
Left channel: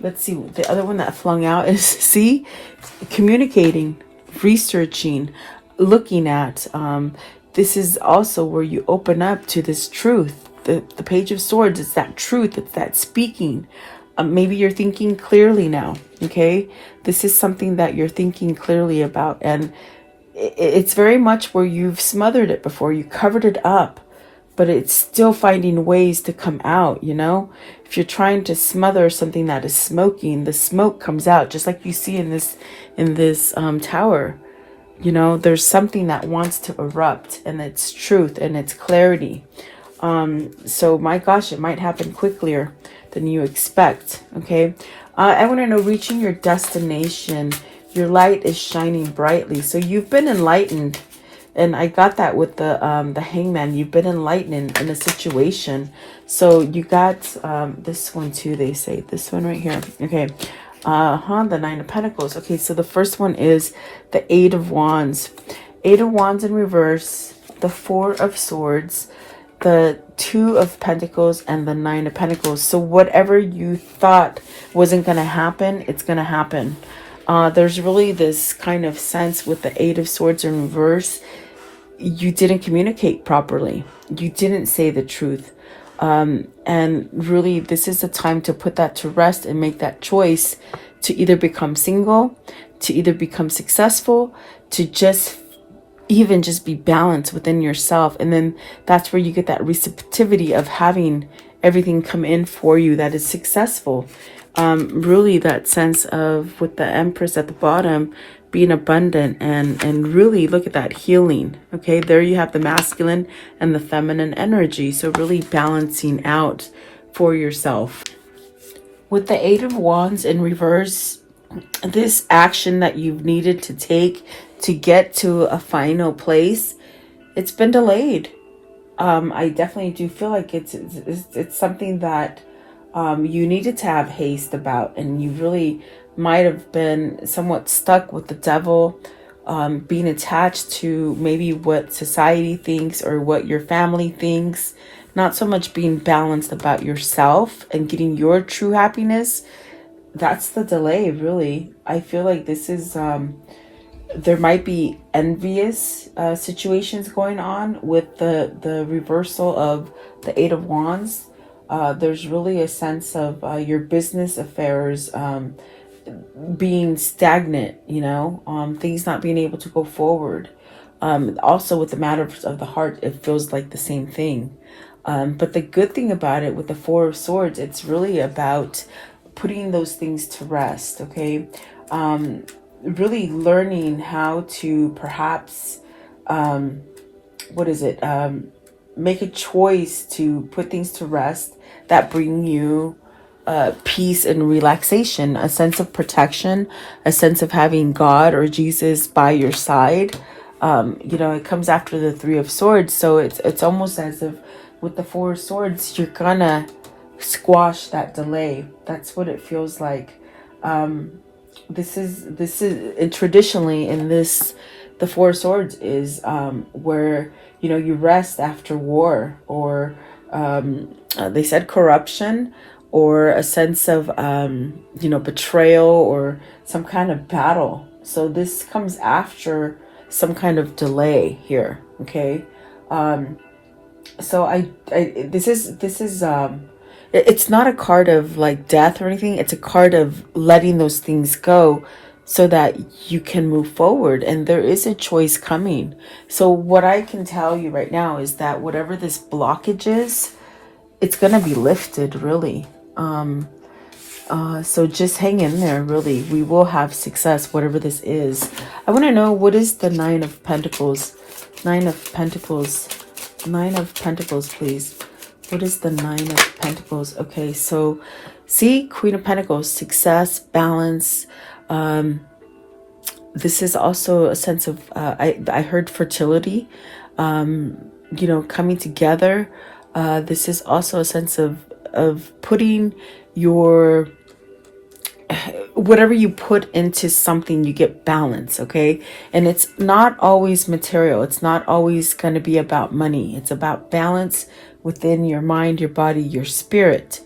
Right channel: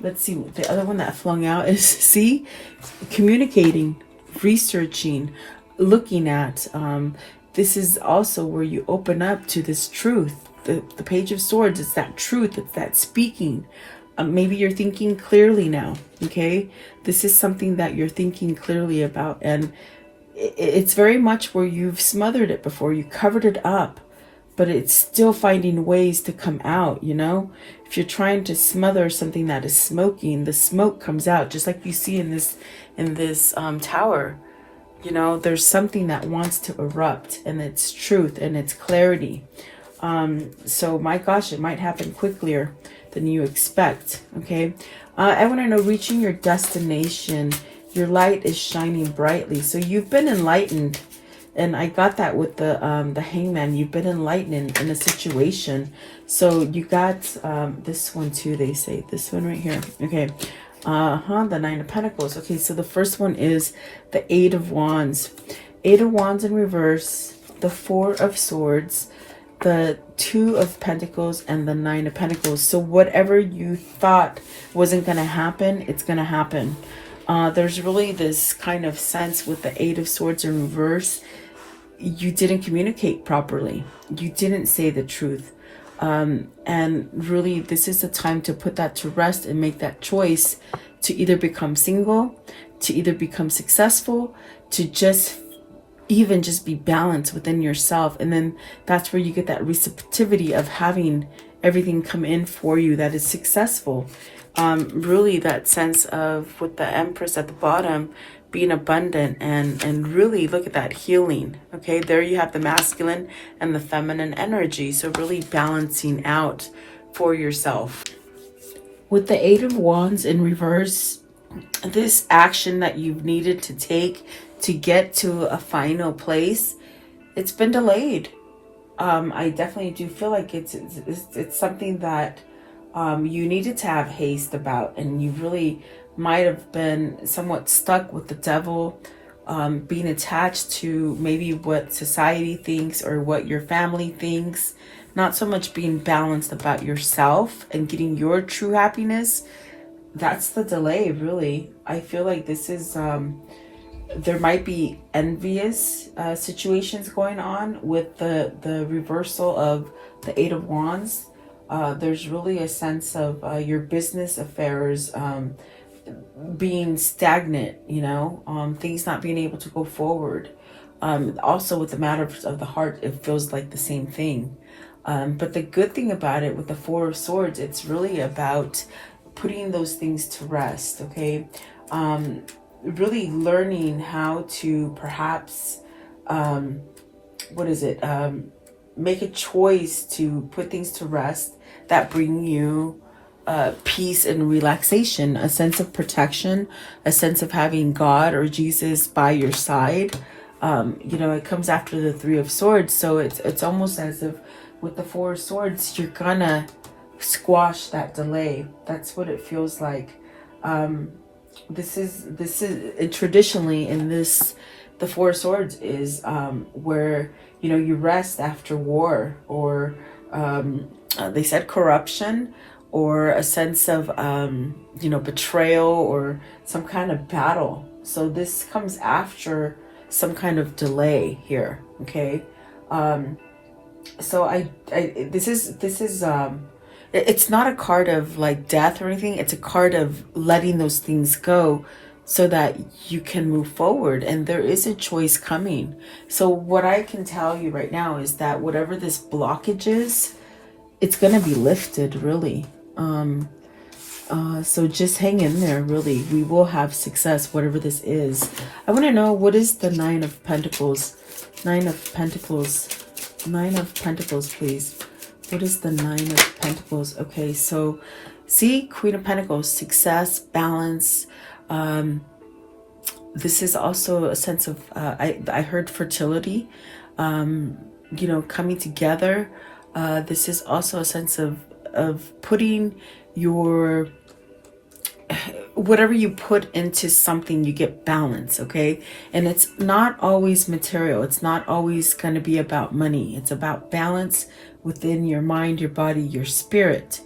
Let's see, the other one that flung out is, see, communicating, researching, looking at. This is also where you open up to this truth. The Page of Swords, it's that truth, it's that speaking. Maybe you're thinking clearly now, okay? This is something that you're thinking clearly about, and it's very much where you've smothered it before, you covered it up, but it's still finding ways to come out, you know? If you're trying to smother something that is smoking, the smoke comes out, just like you see in this tower. You know, there's something that wants to erupt, and it's truth and it's clarity. So my gosh, it might happen quicker than you expect, okay? I want to know, reaching your destination, your light is shining brightly. So you've been enlightened, and I got that with the Hangman. You've been enlightened in a situation. So you got this one too, they say. This one right here, okay. The Nine of Pentacles. Okay, so the first one is the Eight of Wands. Eight of Wands in reverse, the Four of Swords, the Two of Pentacles, and the Nine of Pentacles. So whatever you thought wasn't going to happen, it's going to happen. There's really this kind of sense with the Eight of Swords in reverse. You didn't communicate properly. You didn't say the truth. And really, this is the time to put that to rest and make that choice to either become single, to either become successful, to just be balanced within yourself. And then that's where you get that receptivity of having everything come in for you that is successful. Really that sense of, with the Empress at the bottom, being abundant and really look at that healing. Okay, there you have the masculine and the feminine energy. So really balancing out for yourself. With the Eight of Wands in reverse, this action that you've needed to take to get to a final place, it's been delayed. I definitely do feel like it's something that you needed to have haste about, and you really might have been somewhat stuck with the devil, being attached to maybe what society thinks or what your family thinks, not so much being balanced about yourself and getting your true happiness. That's the delay, really. I feel like this is, there might be envious situations going on with the reversal of the Eight of Wands. There's really a sense of your business affairs being stagnant, you know, things not being able to go forward. Also with the matters of the heart, it feels like the same thing. But the good thing about it with the Four of Swords, it's really about putting those things to rest, okay? Really learning how to perhaps, make a choice to put things to rest that bring you peace and relaxation, a sense of protection, a sense of having God or Jesus by your side. You know, it comes after the Three of Swords, so it's almost as if with the Four of Swords, you're gonna squash that delay. That's what it feels like. This is and traditionally in this, the Four of Swords is where, you know, you rest after war, or they said corruption, or a sense of you know, betrayal or some kind of battle. So this comes after some kind of delay here, okay? So this is it's not a card of like death or anything. It's a card of letting those things go so that you can move forward, and there is a choice coming. So what I can tell you right now is that whatever this blockage is, it's going to be lifted, really. So just hang in there, really. We will have success, whatever this is. I want to know, what is the Nine of Pentacles? Nine of Pentacles. Nine of Pentacles, please. What is the Nine of Pentacles? Okay, so see, Queen of Pentacles, success, balance. This is also a sense of, I heard fertility, you know, coming together. This is also a sense of putting your, whatever you put into something, you get balance, okay? And it's not always material. It's not always going to be about money. It's about balance within your mind, your body, your spirit.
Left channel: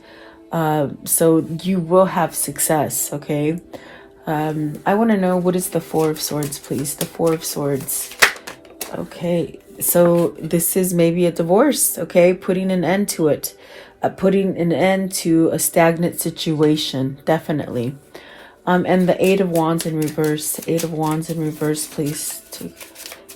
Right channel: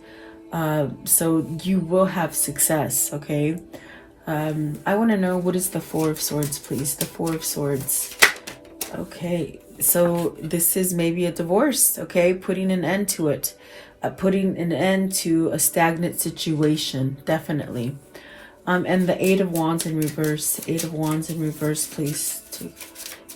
So you will have success, okay? I want to know, what is the Four of Swords, please? The Four of Swords. Okay, so this is maybe a divorce, okay? Putting an end to it. Putting an end to a stagnant situation, definitely. And the Eight of Wands in reverse. Eight of Wands in reverse, please.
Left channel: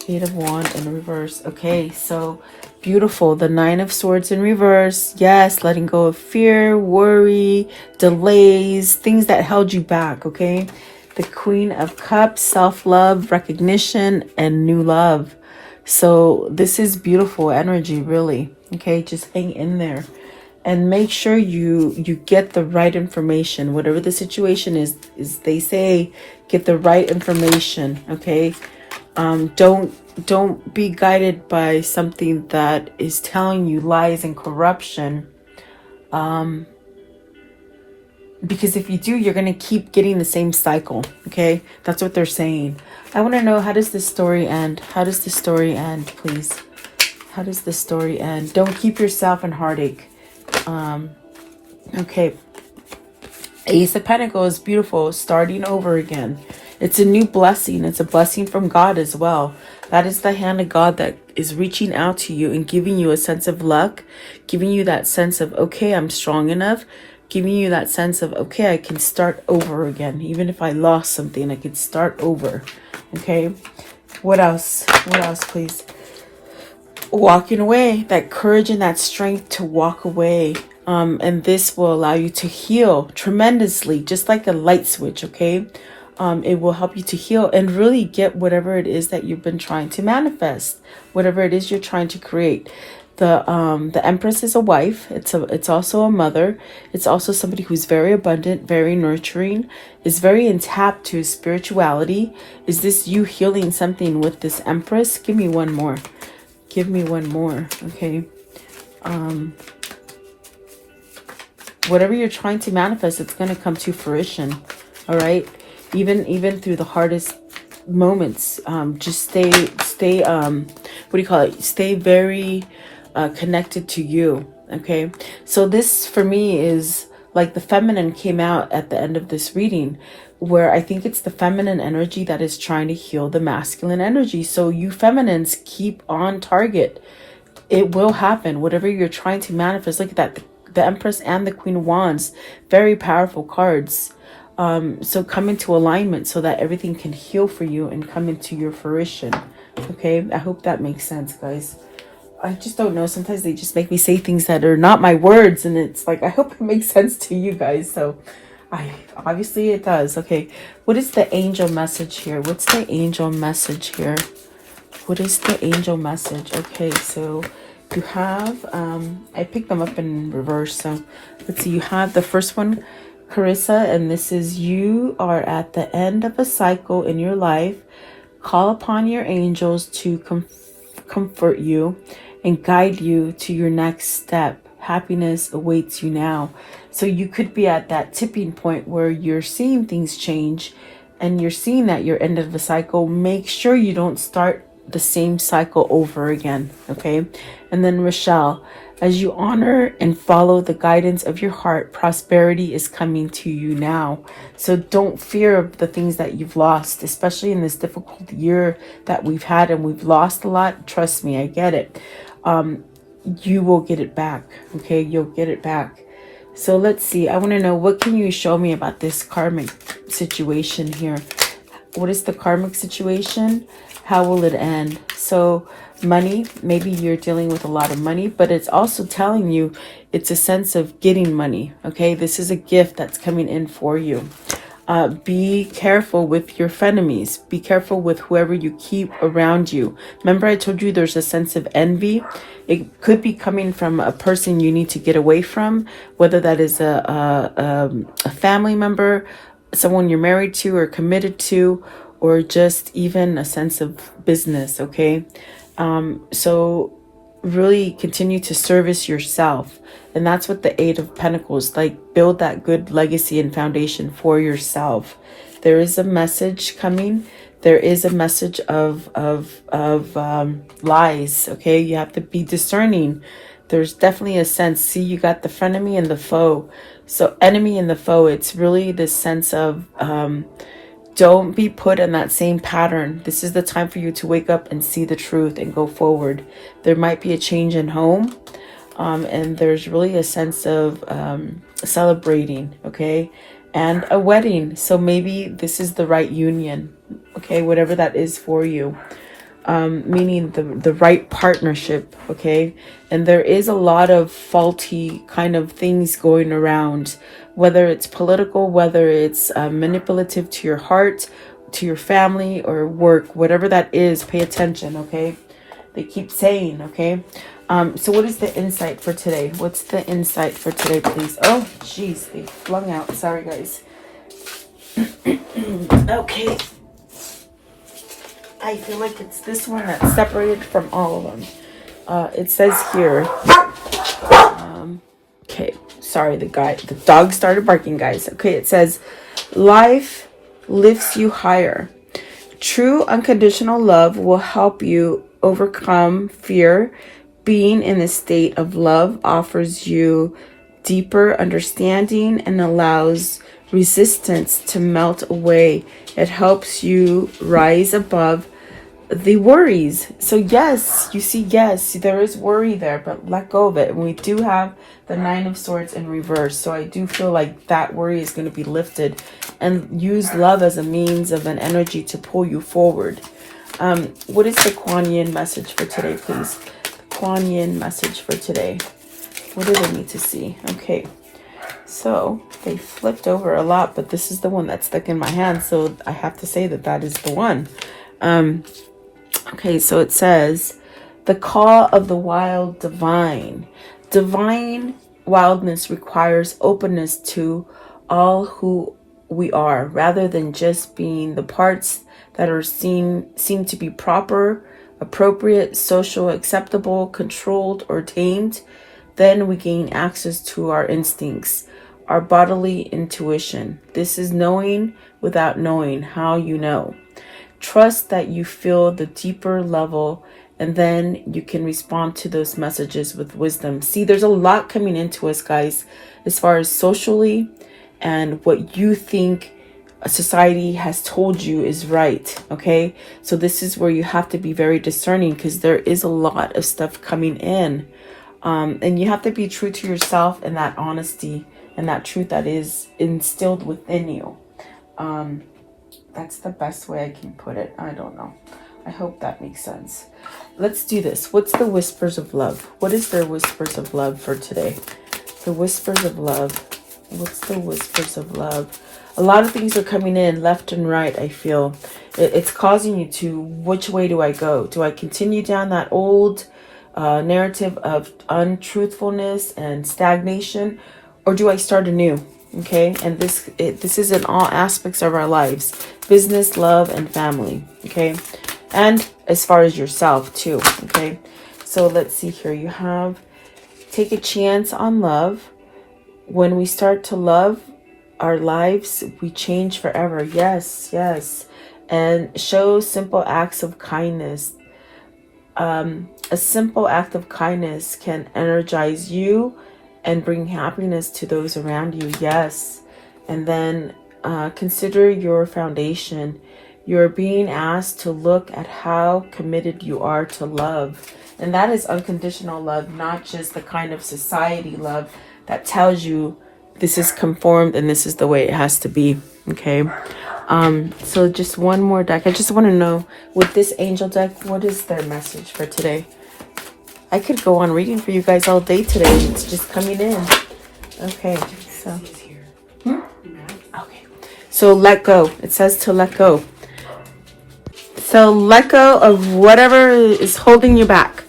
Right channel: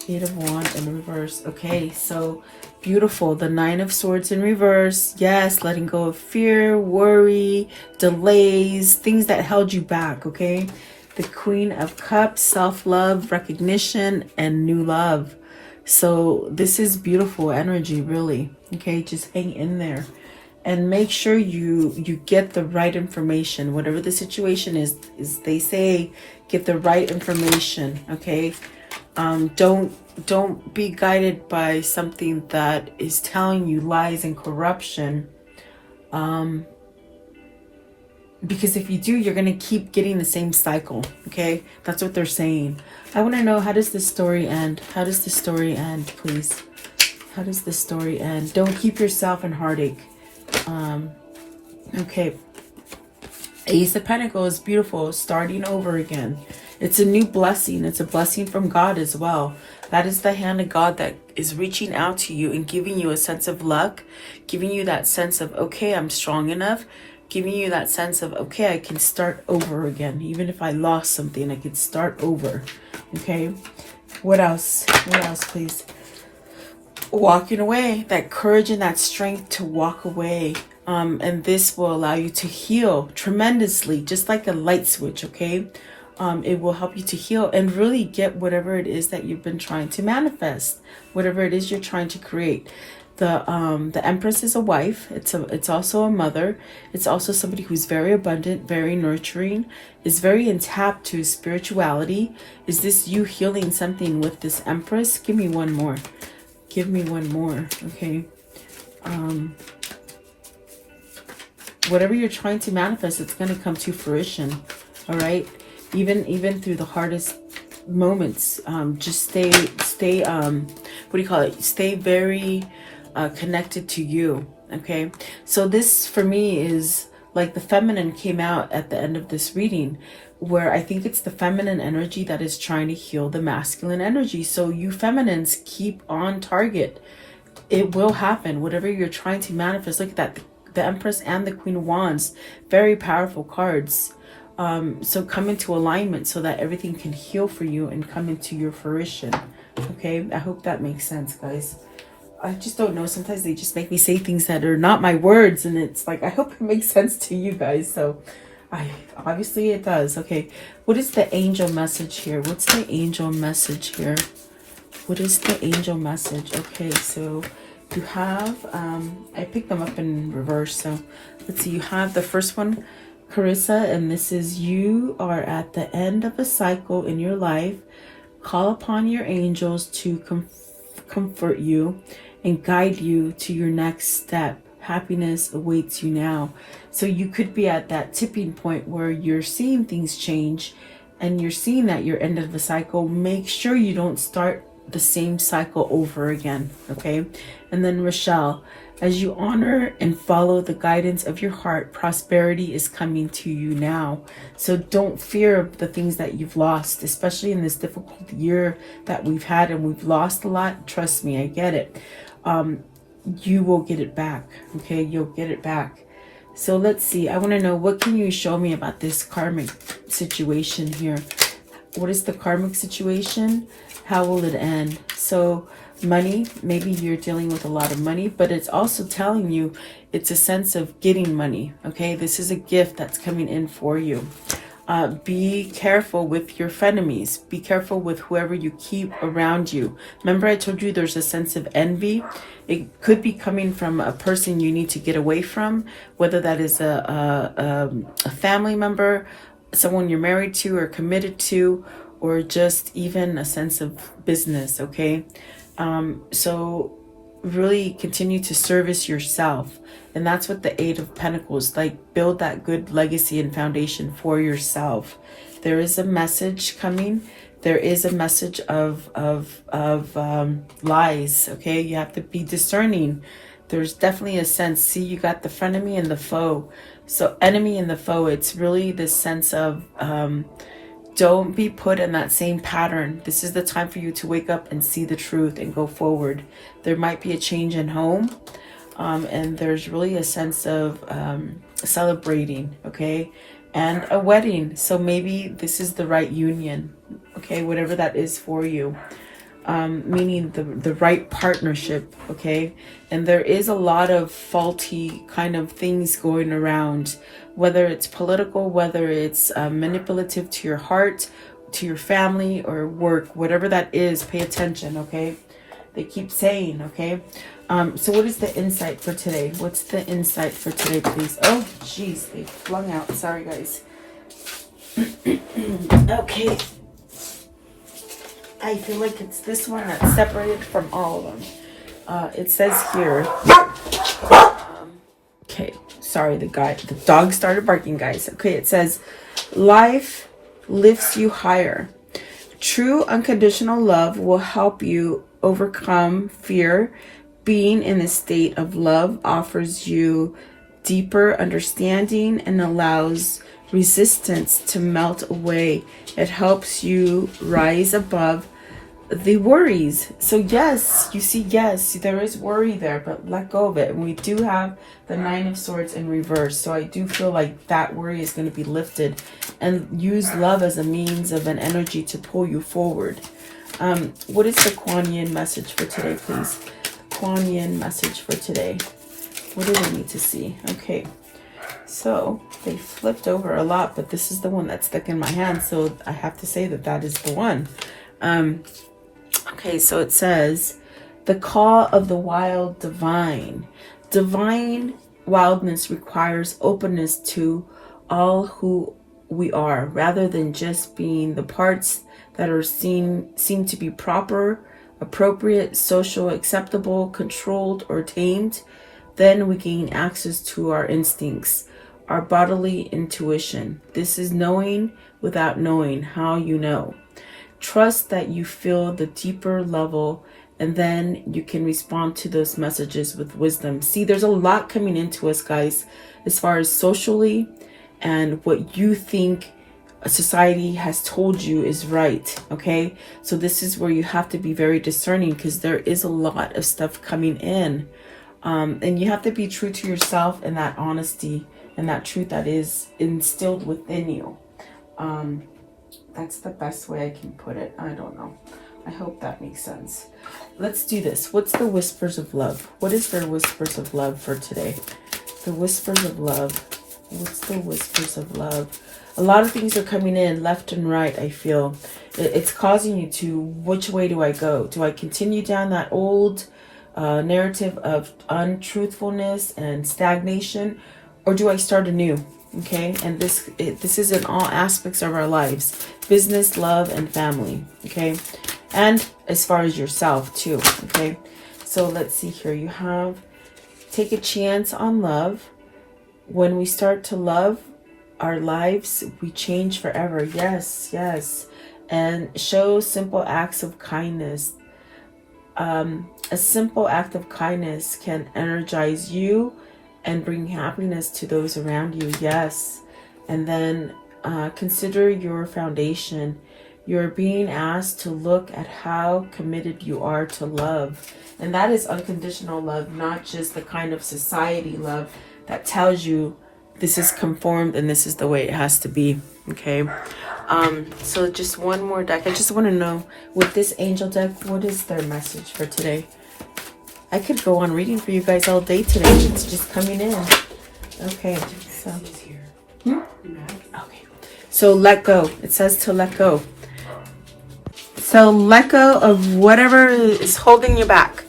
Eight of Wands in reverse. Okay, so beautiful. The Nine of Swords in reverse. Yes, letting go of fear, worry, delays, things that held you back, okay? The Queen of Cups, self-love, recognition, and new love. So this is beautiful energy, really. Okay, just hang in there. And make sure you get the right information. Whatever the situation is they say, get the right information, okay? Don't be guided by something that is telling you lies and corruption. Because if you do, you're going to keep getting the same cycle, okay? That's what they're saying. I want to know, how does this story end? How does the story end, please? How does the story end? Don't keep yourself in heartache. Okay. Ace of Pentacles, beautiful. Starting over again. It's a new blessing. It's a blessing from God as well. That is the hand of God that is reaching out to you and giving you a sense of luck, giving you that sense of, okay, I'm strong enough, giving you that sense of, okay, I can start over again. Even if I lost something, I can start over. Okay. What else? What else, please? Walking away, that courage and that strength to walk away. And this will allow you to heal tremendously, just like a light switch, okay? It will help you to heal and really get whatever it is that you've been trying to manifest, whatever it is you're trying to create. The Empress is a wife. It's also a mother. It's also somebody who's very abundant, very nurturing, is very in tap to spirituality. Is this you healing something with this Empress? Give me one more. Give me one more, okay? Whatever you're trying to manifest, it's going to come to fruition, all right? Even through the hardest moments, just stay what do you call it? Stay very connected to you, okay? So this, for me, is like the feminine came out at the end of this reading, where I think it's the feminine energy that is trying to heal the masculine energy. So you feminines, keep on target. It will happen. Whatever you're trying to manifest, look at that. The Empress and the Queen of Wands, very powerful cards. So come into alignment so that everything can heal for you and come into your fruition. Okay, I hope that makes sense, guys. I just don't know. Sometimes they just make me say things that are not my words, and it's like, I hope it makes sense to you guys. So obviously it does. Okay, what is the angel message here? What's the angel message here? What is the angel message? Okay, so you have, I picked them up in reverse. So let's see, you have the first one, Carissa, and this is, you are at the end of a cycle in your life. Call upon your angels to comfort you and guide you to your next step. Happiness awaits you now. So you could be at that tipping point where you're seeing things change and you're seeing that you're end of the cycle. Make sure you don't start the same cycle over again, okay? And then Rochelle, as you honor and follow the guidance of your heart, prosperity is coming to you now. So don't fear the things that you've lost, especially in this difficult year that we've had, and we've lost a lot. Trust me, I get it. You will get it back, okay? You'll get it back. So let's see. I want to know, what can you show me about this karmic situation here? What is the karmic situation? How will it end? So money. Maybe you're dealing with a lot of money, but it's also telling you it's a sense of getting money. Okay, this is a gift that's coming in for you. Be careful with your frenemies. Be careful with whoever you keep around you. Remember, I told you there's a sense of envy. It could be coming from a person you need to get away from, whether that is a family member, someone you're married to or committed to, or just even a sense of business. Okay, so really continue to service yourself. And that's what the Eight of Pentacles, like, build that good legacy and foundation for yourself. There is a message coming. There is a message of lies. Okay, you have to be discerning. There's definitely a sense. See, you got the frenemy and the foe. So enemy and the foe, it's really this sense of don't be put in that same pattern. This is the time for you to wake up and see the truth and go forward. There might be a change in home. And there's really a sense of celebrating, okay, and a wedding. So maybe this is the right union, okay, whatever that is for you, meaning the right partnership, okay. And there is a lot of faulty kind of things going around, whether it's political, whether it's manipulative to your heart, to your family, or work, whatever that is. Pay attention, okay. They keep saying, okay. So what is the insight for today? What's the insight for today, please? Oh, jeez, they flung out. Sorry, guys. Okay. I feel like it's this one that's separated from all of them. It says here. Okay, sorry, the dog started barking, guys. Okay, it says, life lifts you higher. True unconditional love will help you overcome fear. Being in a state of love offers you deeper understanding and allows resistance to melt away. It helps you rise above the worries. So yes, you see, yes, there is worry there, but let go of it. And we do have the Nine of Swords in reverse. So I do feel like that worry is going to be lifted, and use love as a means of an energy to pull you forward. What is the Kuan Yin message for today, please? Kuan Yin message for today. What do they need to see? Okay, so they flipped over a lot, but this is the one that's stuck in my hand, so I have to say that that is the one. Okay, so it says, the call of the wild divine. Divine wildness requires openness to all who we are, rather than just being the parts that are seem to be proper, appropriate, social, acceptable, controlled, or tamed. Then we gain access to our instincts, our bodily intuition. This is knowing without knowing how you know. Trust that you feel the deeper level, and then you can respond to those messages with wisdom. See, there's a lot coming into us, guys, as far as socially and what you think society has told you is right. Okay, so this is where you have to be very discerning, because there is a lot of stuff coming in, and you have to be true to yourself and that honesty and that truth that is instilled within you. That's the best way I can put it. I don't know. I hope that makes sense. Let's do this. What's the whispers of love? What is their whispers of love for today? The whispers of love. What's the whispers of love? A lot of things are coming in left and right, I feel. It's causing you to, which way do I go? Do I continue down that old narrative of untruthfulness and stagnation? Or do I start anew? Okay, and this is in all aspects of our lives. Business, love, and family. Okay, and as far as yourself too. Okay, so let's see here. You have, take a chance on love. When we start to love our lives, we change forever. Yes, yes. And show simple acts of kindness. A simple act of kindness can energize you and bring happiness to those around you. Yes. And then consider your foundation. You're being asked to look at how committed you are to love. And that is unconditional love, not just the kind of society love that tells you this is conformed and this is the way it has to be. Okay. So just one more deck. I just want to know, with this angel deck, what is their message for today? I could go on reading for you guys all day today. It's just coming in. Okay, so. Okay. So let go. It says to let go. So let go of whatever is holding you back.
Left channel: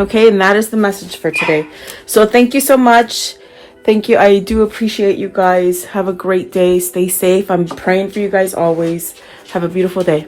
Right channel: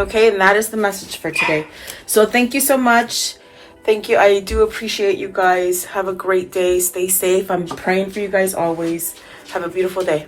Okay, and that is the message for today. So thank you so much. Thank you. I do appreciate you guys. Have a great day. Stay safe. I'm praying for you guys always. Have a beautiful day.